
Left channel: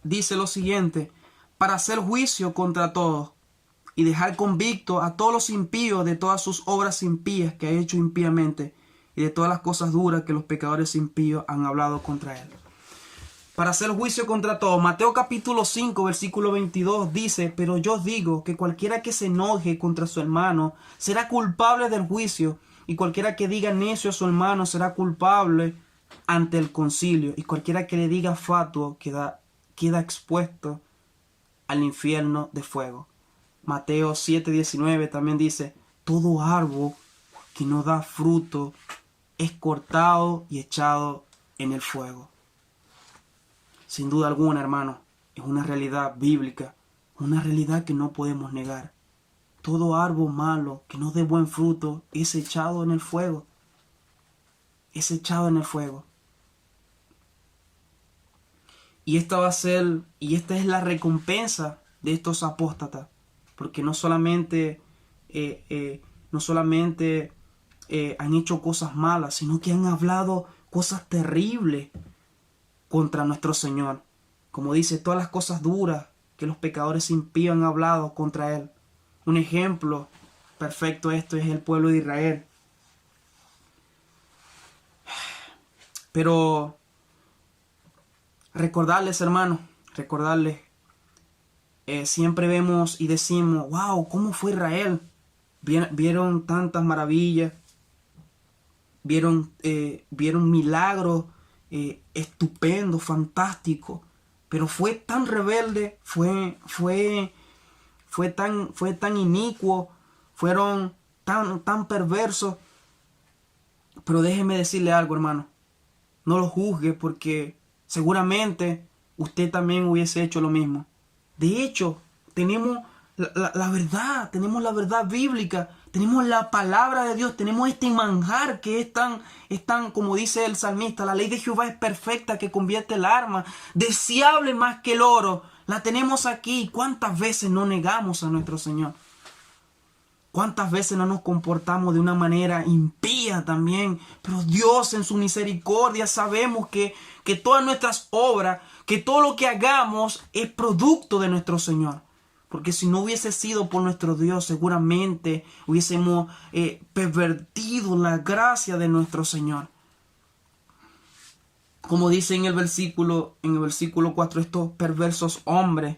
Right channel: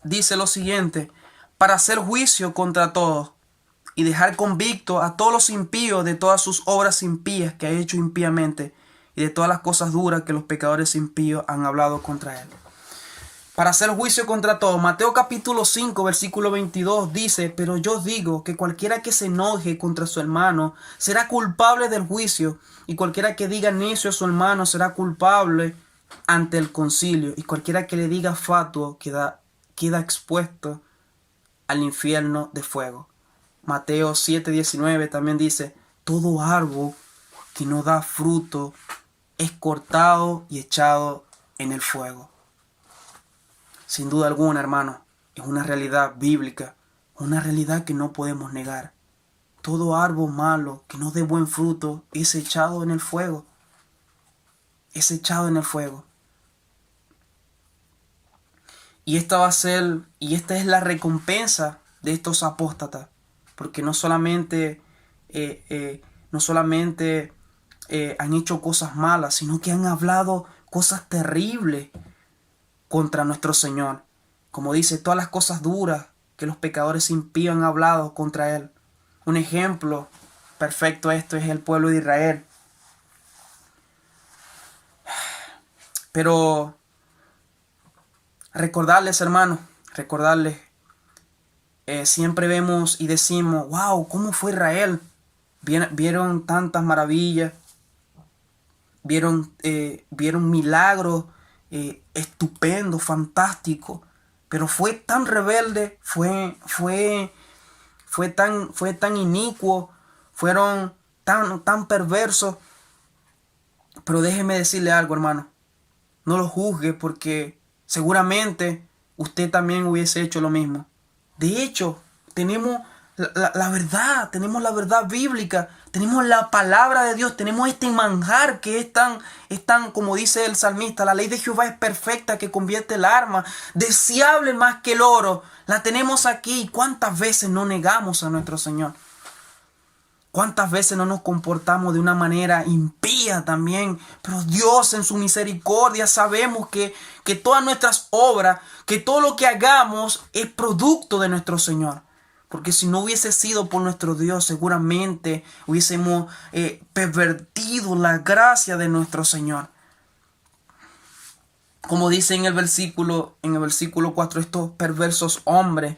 dice lo siguiente: para hacer juicio contra todos y dejar convicto a todos los impíos de todas sus obras impías que ha hecho impíamente y de todas las cosas duras que los pecadores impíos han hablado contra él. Para hacer juicio contra todos. Mateo capítulo 5 versículo 22 dice, pero yo os digo que cualquiera que se enoje contra su hermano será culpable del juicio, y cualquiera que diga necio a su hermano será culpable ante el concilio, y cualquiera que le diga fatuo queda expuesto al infierno de fuego. Mateo 7:19 también dice: todo árbol que no da fruto es cortado y echado en el fuego. Sin duda alguna, hermano, es una realidad bíblica, una realidad que no podemos negar. Todo árbol malo que no dé buen fruto es echado en el fuego. Es echado en el fuego. Y esta es la recompensa de estos apóstatas, porque no solamente han hecho cosas malas, sino que han hablado cosas terribles contra nuestro Señor. Como dice, todas las cosas duras que los pecadores impíos han hablado contra Él. Un ejemplo perfecto de esto es el pueblo de Israel. Pero recordarles, hermanos, siempre vemos y decimos: wow, ¿cómo fue Israel? Vieron tantas maravillas, vieron milagros estupendos, fantásticos, pero fue tan rebelde, fue tan inicuo, fueron tan perversos. Pero déjeme decirle algo, hermano, no lo juzgue, porque seguramente usted también hubiese hecho lo mismo. De hecho, tenemos la verdad, tenemos la verdad bíblica, tenemos la palabra de Dios, tenemos este manjar que es tan, como dice el salmista: la ley de Jehová es perfecta, que convierte el alma, deseable más que el oro. La tenemos aquí. ¿Cuántas veces no negamos a nuestro Señor? ¿Cuántas veces no nos comportamos de una manera impía también? Pero Dios, en su misericordia, sabemos que todas nuestras obras, que todo lo que hagamos es producto de nuestro Señor. Porque si no hubiese sido por nuestro Dios, seguramente hubiésemos pervertido la gracia de nuestro Señor. Como dice en el versículo 4, estos perversos hombres,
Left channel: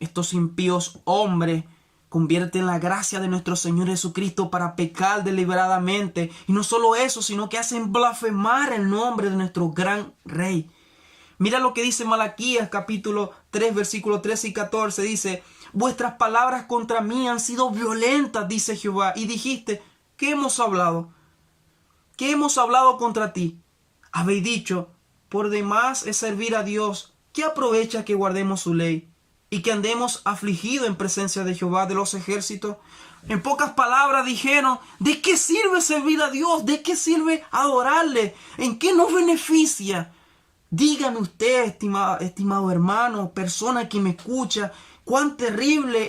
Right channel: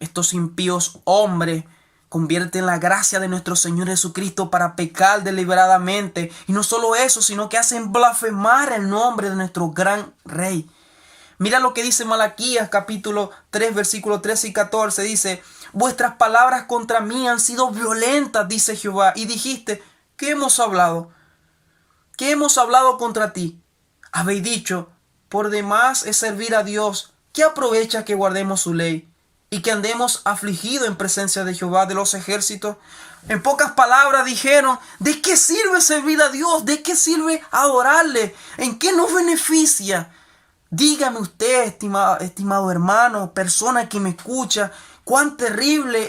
estos impíos hombres, convierten la gracia de nuestro Señor Jesucristo para pecar deliberadamente. Y no solo eso, sino que hacen blasfemar el nombre de nuestro gran Rey. Mira lo que dice Malaquías capítulo 3, versículos 13 y 14. Dice: vuestras palabras contra mí han sido violentas, dice Jehová. Y dijiste: ¿qué hemos hablado? ¿Qué hemos hablado contra ti? Habéis dicho: por demás es servir a Dios. ¿Qué aprovecha que guardemos su ley y que andemos afligidos en presencia de Jehová de los ejércitos? En pocas palabras dijeron: ¿de qué sirve servir a Dios? ¿De qué sirve adorarle? ¿En qué nos beneficia? Dígame usted, estimado hermano, persona que me escucha, cuán terrible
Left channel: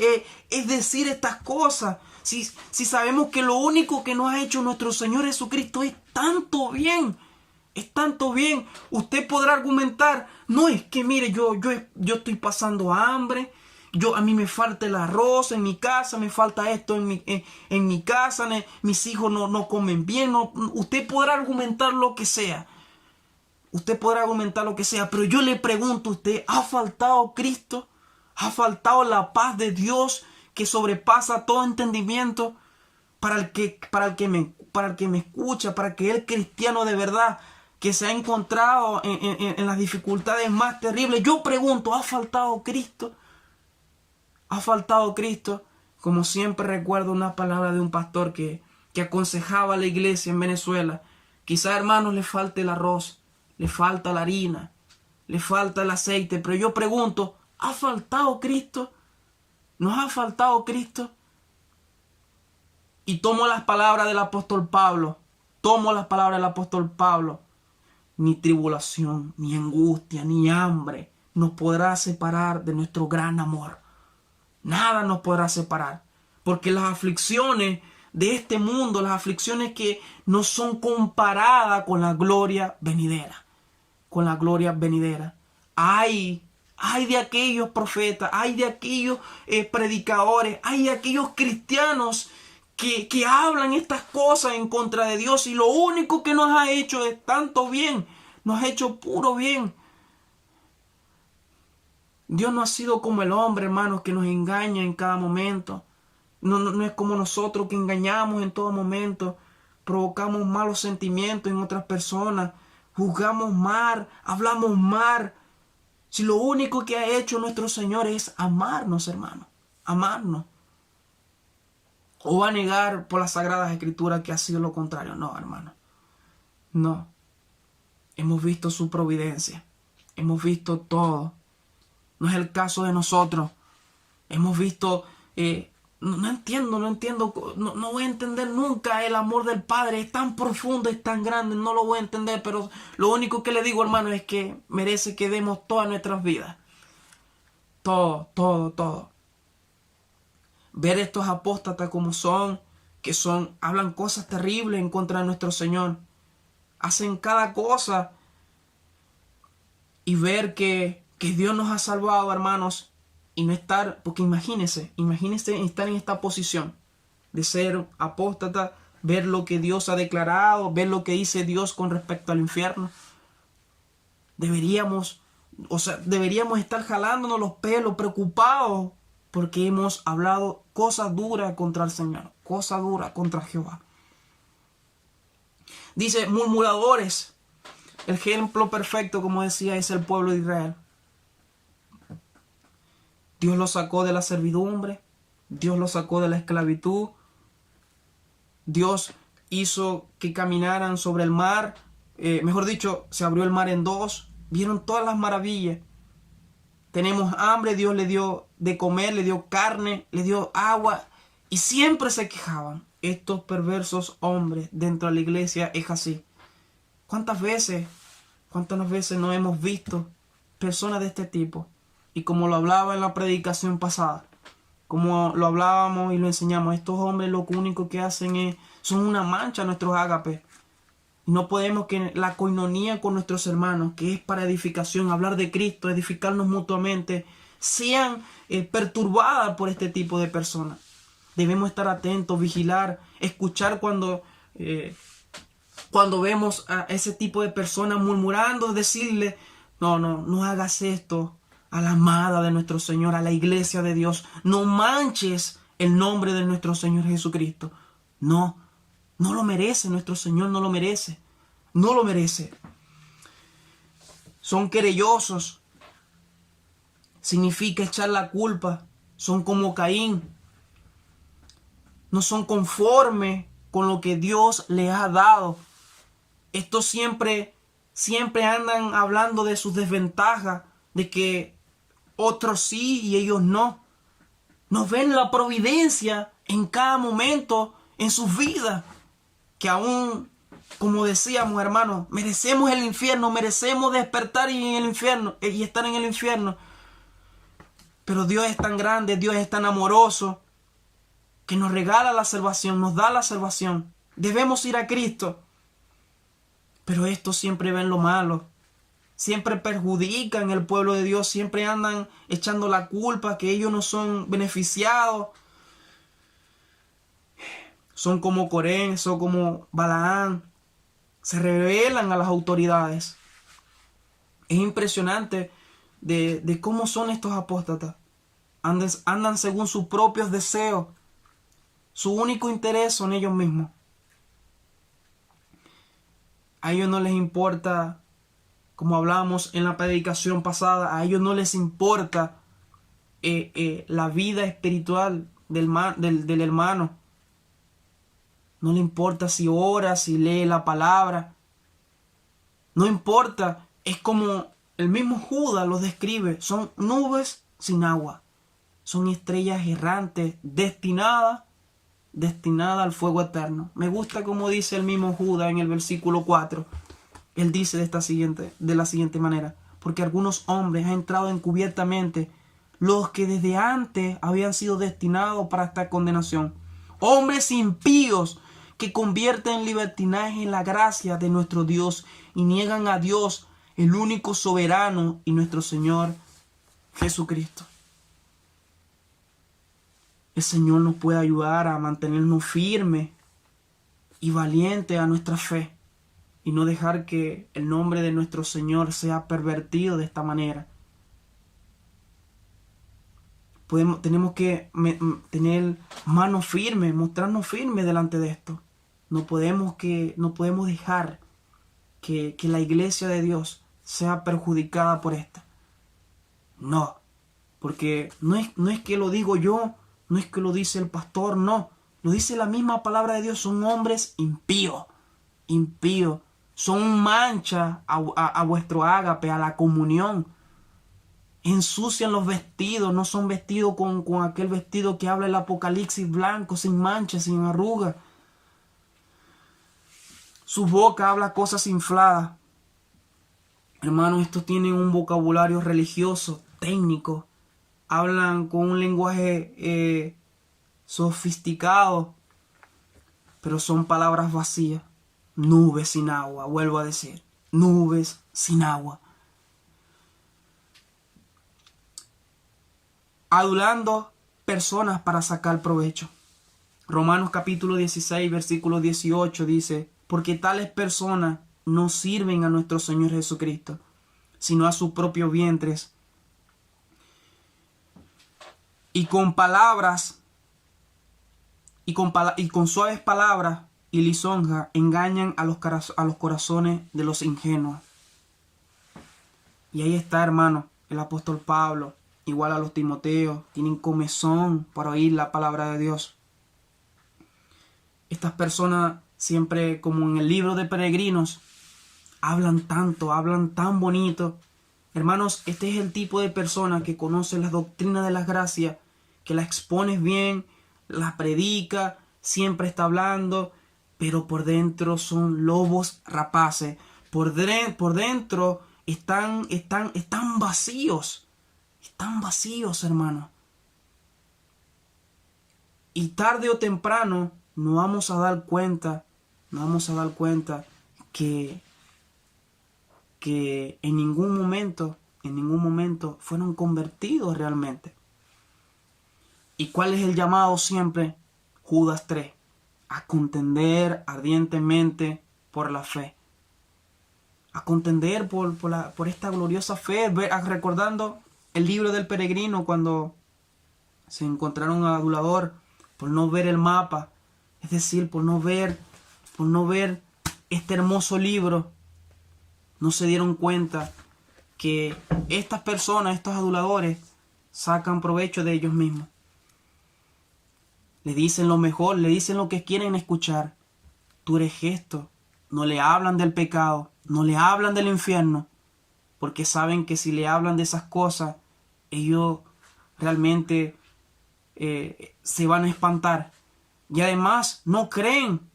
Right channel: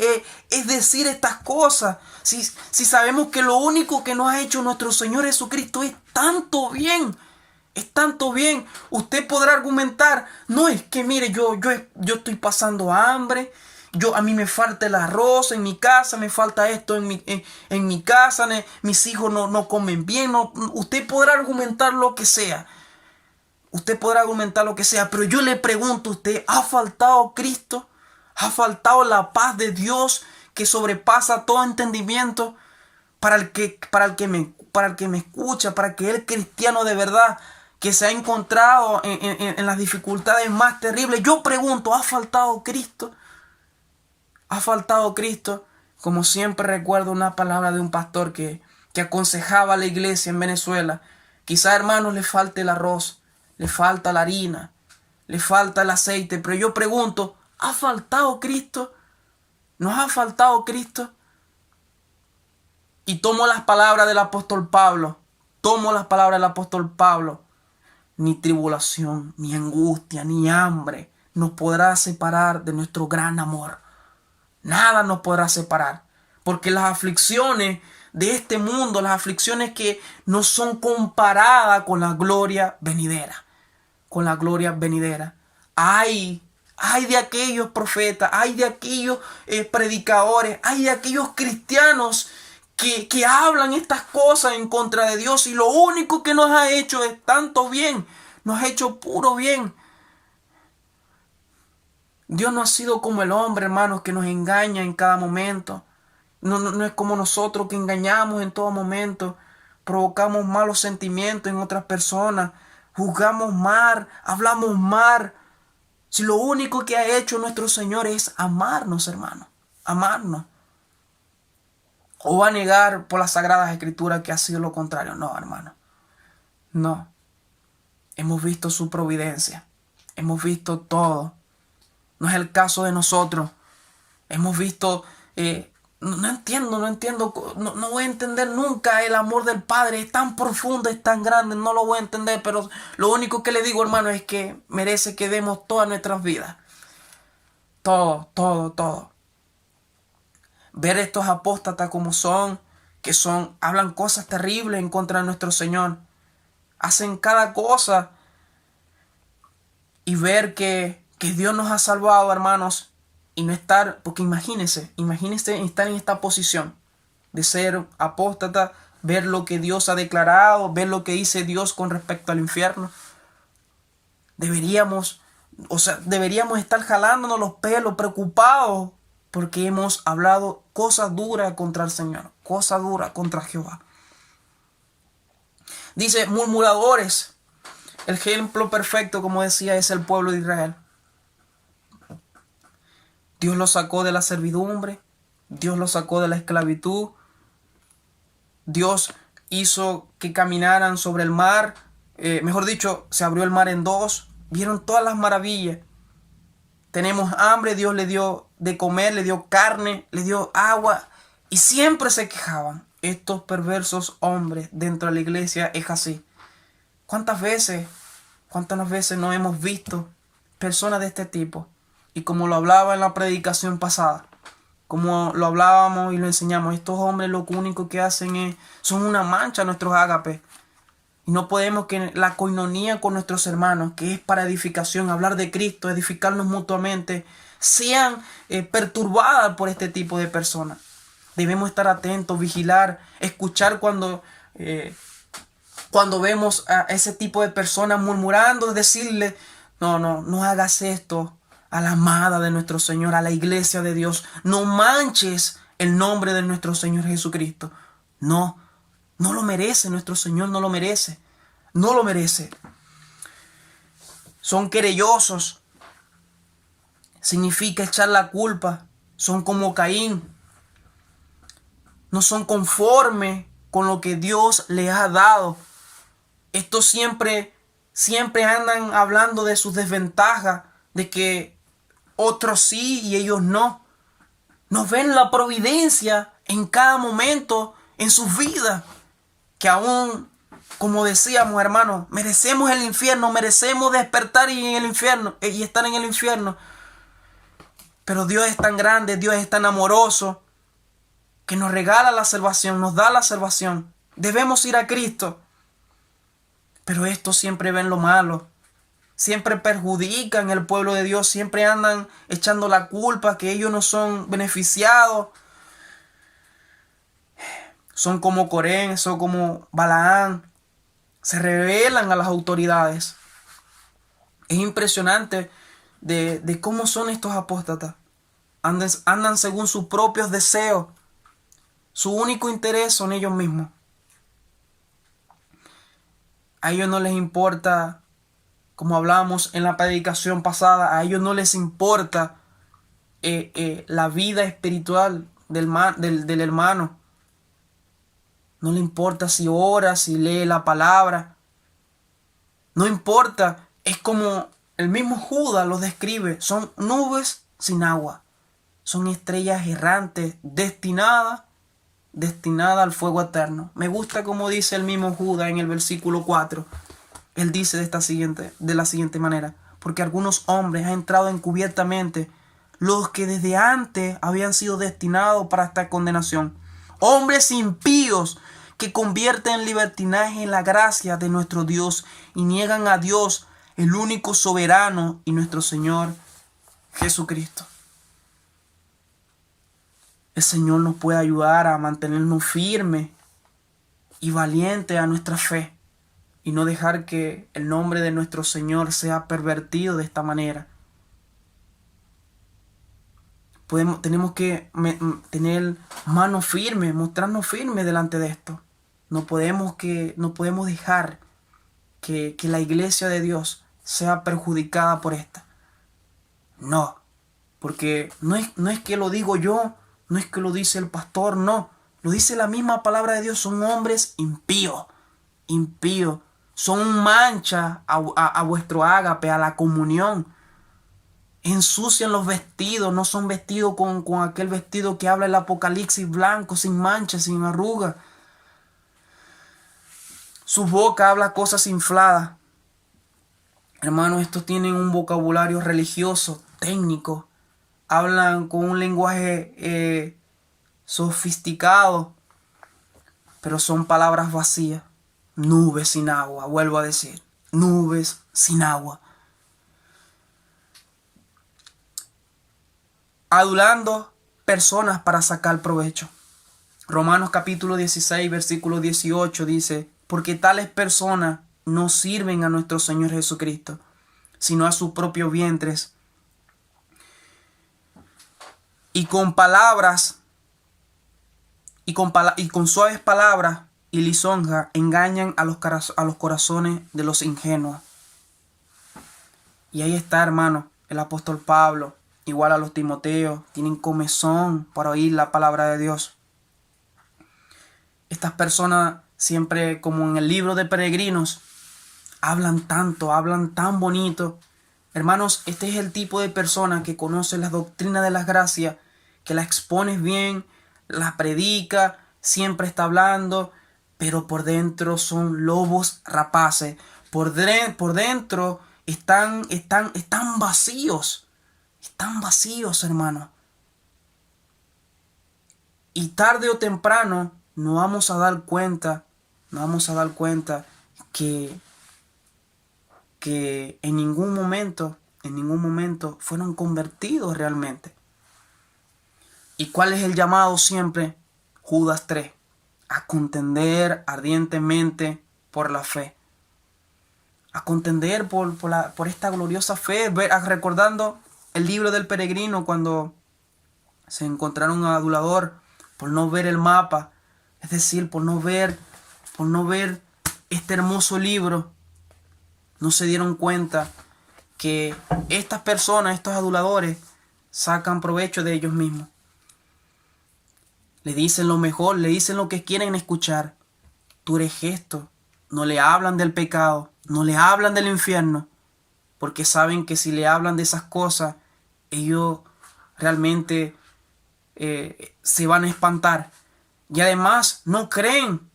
es decir estas cosas. Si sabemos que lo único que nos ha hecho nuestro Señor Jesucristo es tanto bien. Es tanto bien. Usted podrá argumentar: no, es que mire, yo estoy pasando hambre. A mí me falta el arroz en mi casa, me falta esto en mi casa, mis hijos no comen bien. Usted podrá argumentar lo que sea. Pero yo le pregunto a usted: ¿ha faltado Cristo? ¿Ha faltado la paz de Dios que sobrepasa todo entendimiento? Para el que me escucha, para aquel cristiano de verdad que se ha encontrado en las dificultades más terribles, yo pregunto: ¿ha faltado Cristo? ¿Ha faltado Cristo? Como siempre recuerdo una palabra de un pastor que aconsejaba a la iglesia en Venezuela: quizá, hermanos, le falte el arroz, le falta la harina, le falta el aceite, pero yo pregunto: ¿ha faltado Cristo? ¿Nos ha faltado Cristo? Y tomo las palabras del apóstol Pablo. Ni tribulación, ni angustia, ni hambre nos podrá separar de nuestro gran amor. Nada nos podrá separar. Porque las aflicciones de este mundo, las aflicciones que no son comparadas con la gloria venidera. Ay de aquellos profetas, ay de aquellos predicadores, ay de aquellos cristianos que hablan estas cosas en contra de Dios, y lo único que nos ha hecho es tanto bien, nos ha hecho puro bien. Dios no ha sido como el hombre, hermanos, que nos engaña en cada momento. No es como nosotros, que engañamos en todo momento, provocamos malos sentimientos en otras personas, juzgamos mal, hablamos mal. Si lo único que ha hecho nuestro Señor es amarnos, hermano, amarnos. O va a negar por las Sagradas Escrituras que ha sido lo contrario. No, hermano. No. Hemos visto su providencia. Hemos visto todo. No es el caso de nosotros. Hemos visto... no entiendo. No voy a entender nunca el amor del Padre. Es tan profundo, es tan grande. No lo voy a entender. Pero lo único que le digo, hermano, es que merece que demos todas nuestras vidas. Todo. Ver estos apóstatas como son, hablan cosas terribles en contra de nuestro Señor. Hacen cada cosa. Y ver que Dios nos ha salvado, hermanos. Y no estar, porque imagínense estar en esta posición de ser apóstata, ver lo que Dios ha declarado, ver lo que dice Dios con respecto al infierno. Deberíamos estar jalándonos los pelos, preocupados, porque hemos hablado cosas duras contra el Señor, cosas duras contra Jehová. Dice, murmuradores. El ejemplo perfecto, como decía, es el pueblo de Israel. Dios los sacó de la servidumbre, Dios los sacó de la esclavitud, Dios hizo que caminaran sobre el mar, mejor dicho, se abrió el mar en dos, vieron todas las maravillas. Tenemos hambre, Dios le dio de comer, le dio carne, le dio agua, y siempre se quejaban. Estos perversos hombres dentro de la iglesia es así. ¿Cuántas veces no hemos visto personas de este tipo? Y como lo hablaba en la predicación pasada, como lo hablábamos y lo enseñamos, estos hombres lo único que hacen son una mancha a nuestros ágapes. Y no podemos que la coinonía con nuestros hermanos, que es para edificación, hablar de Cristo, edificarnos mutuamente, sean perturbadas por este tipo de personas. Debemos estar atentos, vigilar, escuchar cuando vemos a ese tipo de personas murmurando, decirle, no hagas esto a la amada de nuestro Señor, a la iglesia de Dios. No manches el nombre de nuestro Señor Jesucristo. No lo merece, nuestro Señor no lo merece. No lo merece. Son querellosos. Significa echar la culpa. Son como Caín. No son conformes con lo que Dios les ha dado. Estos siempre andan hablando de sus desventajas, de que otros sí y ellos no. Nos ven la providencia en cada momento en sus vidas, que aún, como decíamos, hermanos, merecemos el infierno, merecemos despertar y estar en el infierno. Pero Dios es tan grande, Dios es tan amoroso, que nos regala la salvación, nos da la salvación. Debemos ir a Cristo. Pero estos siempre ven lo malo. Siempre perjudican el pueblo de Dios. Siempre andan echando la culpa que ellos no son beneficiados. Son como Corén, son como Balaán. Se rebelan a las autoridades. Es impresionante de cómo son estos apóstatas. Andan según sus propios deseos. Su único interés son ellos mismos. A ellos no les importa, como hablábamos en la predicación pasada, a ellos no les importa la vida espiritual del hermano. No le importa si ora, si lee la palabra. No importa. Es como el mismo Judas los describe. Son nubes sin agua. Son estrellas errantes destinadas al fuego eterno. Me gusta como dice el mismo Judas en el versículo 4. Él dice de la siguiente manera: porque algunos hombres han entrado encubiertamente, los que desde antes habían sido destinados para esta condenación. Hombres impíos que convierten en libertinaje la gracia de nuestro Dios y niegan a Dios, el único soberano y nuestro Señor Jesucristo. El Señor nos puede ayudar a mantenernos firmes y valientes a nuestra fe y no dejar que el nombre de nuestro Señor sea pervertido de esta manera. Tenemos que tener manos firmes, mostrarnos firmes delante de esto. No podemos dejar que la iglesia de Dios sea perjudicada por esta. No, porque no es que lo digo yo, no es que lo dice el pastor, no. Lo dice la misma palabra de Dios. Son hombres impíos, impíos. Son mancha a vuestro ágape, a la comunión. Ensucian los vestidos, no son vestidos con aquel vestido que habla el Apocalipsis, blanco, sin mancha, sin arruga. Su boca habla cosas infladas. Hermanos, estos tienen un vocabulario religioso, técnico. Hablan con un lenguaje sofisticado, pero son palabras vacías. Nubes sin agua, vuelvo a decir. Nubes sin agua. Adulando personas para sacar provecho. Romanos capítulo 16, versículo 18 dice: porque tales personas no sirven a nuestro Señor Jesucristo, sino a sus propios vientres. Y con palabras, y con suaves palabras y lisonja engañan a los corazones de los ingenuos. Y ahí está, hermano, el apóstol Pablo, igual a los Timoteos, tienen comezón para oír la palabra de Dios. Estas personas siempre, como en el libro de Peregrinos, hablan tanto, hablan tan bonito. Hermanos, este es el tipo de persona que conoce la doctrina de las gracias, que la expones bien, la predica, siempre está hablando, pero por dentro son lobos rapaces. Por dentro están vacíos. Están vacíos, hermano. Y tarde o temprano nos vamos a dar cuenta que en ningún momento fueron convertidos realmente. ¿Y cuál es el llamado siempre? Judas 3. A contender ardientemente por la fe. A contender por esta gloriosa fe. Recordando el libro del peregrino, cuando se encontraron a adulador por no ver el mapa. Es decir, por no ver este hermoso libro. No se dieron cuenta que estas personas, estos aduladores, sacan provecho de ellos mismos. Le dicen lo mejor, le dicen lo que quieren escuchar. Tú eres esto. No le hablan del pecado, no le hablan del infierno, porque saben que si le hablan de esas cosas, ellos realmente se van a espantar. Y además no creen.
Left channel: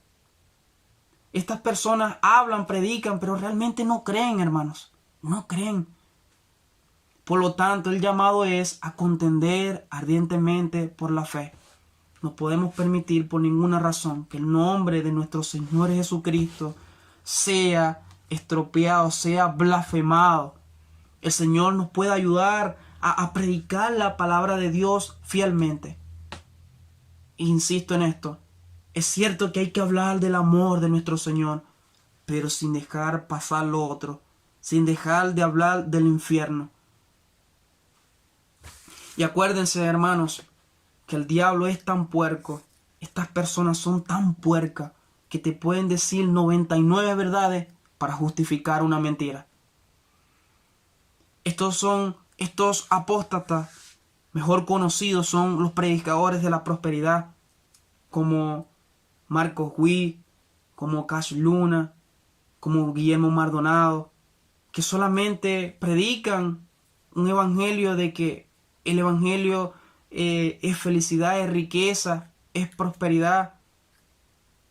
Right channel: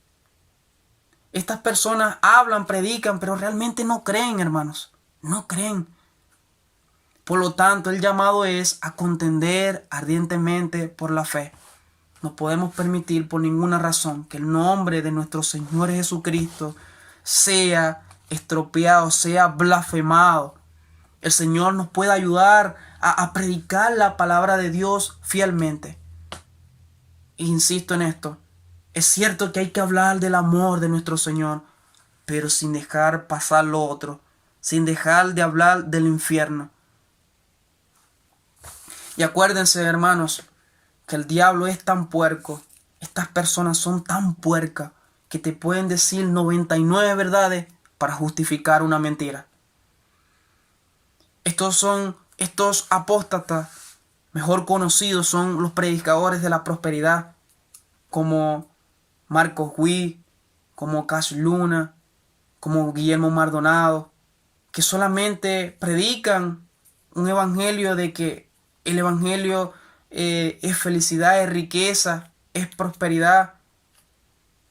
Estas personas hablan, predican, pero realmente no creen, hermanos. No creen. Por lo tanto, el llamado es a contender ardientemente por la fe. No podemos permitir por ninguna razón que el nombre de nuestro Señor Jesucristo sea estropeado, sea blasfemado. El Señor nos puede ayudar a predicar la palabra de Dios fielmente. Insisto en esto. Es cierto que hay que hablar del amor de nuestro Señor, pero sin dejar pasar lo otro, sin dejar de hablar del infierno. Y acuérdense, hermanos, que el diablo es tan puerco, estas personas son tan puercas, que te pueden decir 99 verdades para justificar una mentira. Estos apóstatas, mejor conocidos, son los predicadores de la prosperidad, como Marcos Witt, como Cash Luna, como Guillermo Maldonado, que solamente predican un evangelio de que el evangelio es felicidad, es riqueza, es prosperidad,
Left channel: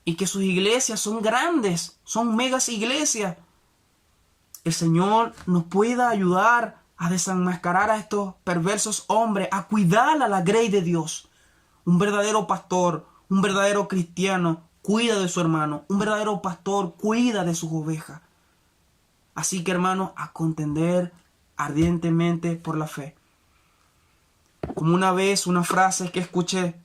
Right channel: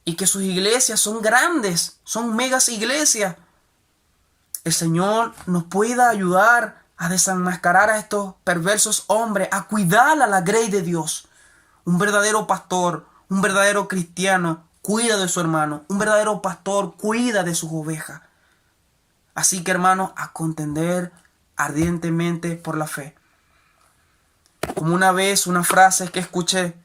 y que sus iglesias son grandes, son megas iglesias. El Señor nos pueda ayudar a desenmascarar a estos perversos hombres, a cuidar a la grey de Dios. Un verdadero pastor, un verdadero cristiano cuida de su hermano. Un verdadero pastor cuida de sus ovejas. Así que, hermanos, a contender ardientemente por la fe. Como una vez una frase que escuché,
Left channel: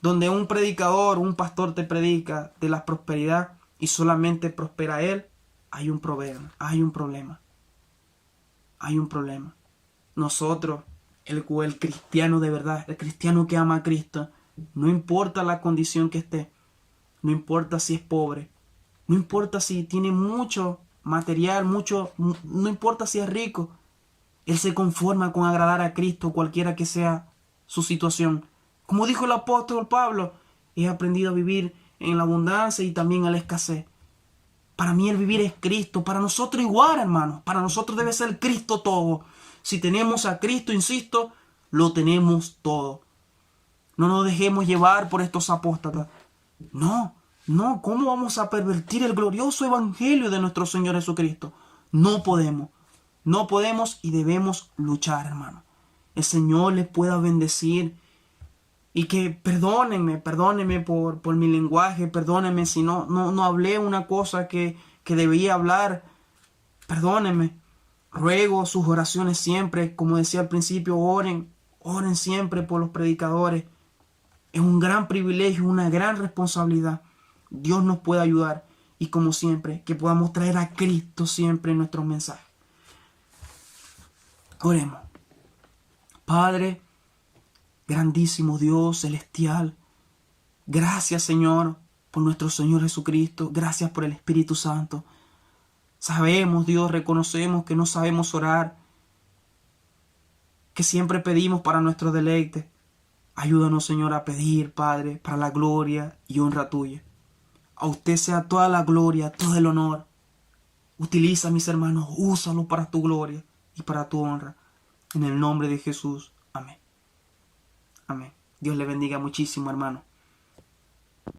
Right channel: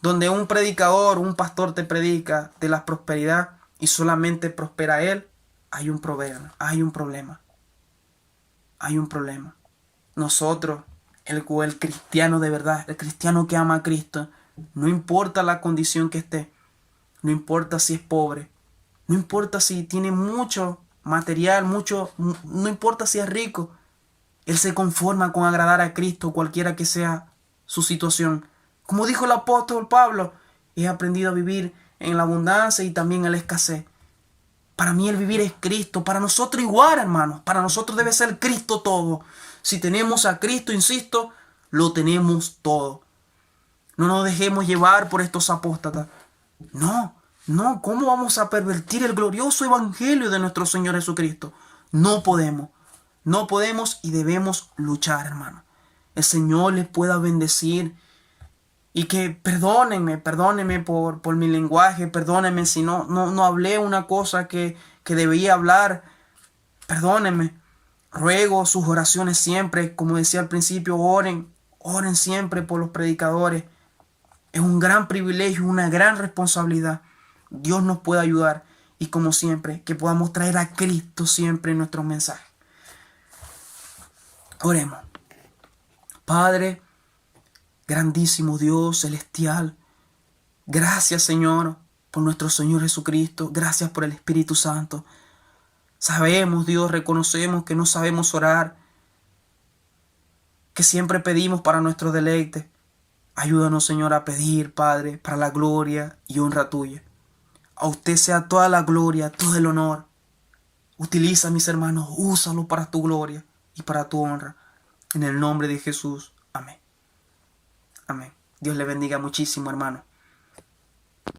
donde un predicador, un pastor te predica de la prosperidad y solamente prospera él, hay un problema, hay un problema. Hay un problema. Nosotros, el cristiano de verdad, el cristiano que ama a Cristo, no importa la condición que esté, no importa si es pobre, no importa si tiene mucho material, mucho, no importa si es rico. Él se conforma con agradar a Cristo, cualquiera que sea su situación. Como dijo el apóstol Pablo, he aprendido a vivir en la abundancia y también en la escasez. Para mí el vivir es Cristo. Para nosotros igual, hermanos. Para nosotros debe ser Cristo todo. Si tenemos a Cristo, insisto, lo tenemos todo. No nos dejemos llevar por estos apóstatas. No, no. ¿Cómo vamos a pervertir el glorioso evangelio de nuestro Señor Jesucristo? No podemos. No podemos y debemos luchar, hermano. El Señor les pueda bendecir. Y que perdónenme por mi lenguaje, perdónenme si no hablé una cosa que debía hablar, perdónenme. Ruego sus oraciones siempre, como decía al principio, oren siempre por los predicadores. Es un gran privilegio, una gran responsabilidad. Dios nos puede ayudar y como siempre, que podamos traer a Cristo siempre en nuestros mensajes. Oremos. Padre, grandísimo Dios celestial, gracias Señor por nuestro Señor Jesucristo, gracias por el Espíritu Santo. Sabemos, Dios, reconocemos que no sabemos orar, que siempre pedimos para nuestro deleite. Ayúdanos, Señor, a pedir, Padre, para la gloria y honra tuya. A usted sea toda la gloria, todo el honor. Utiliza, mis hermanos, úsalo para tu gloria y para tu honra. En el nombre de Jesús. Amén. Amén. Dios le bendiga muchísimo, hermano.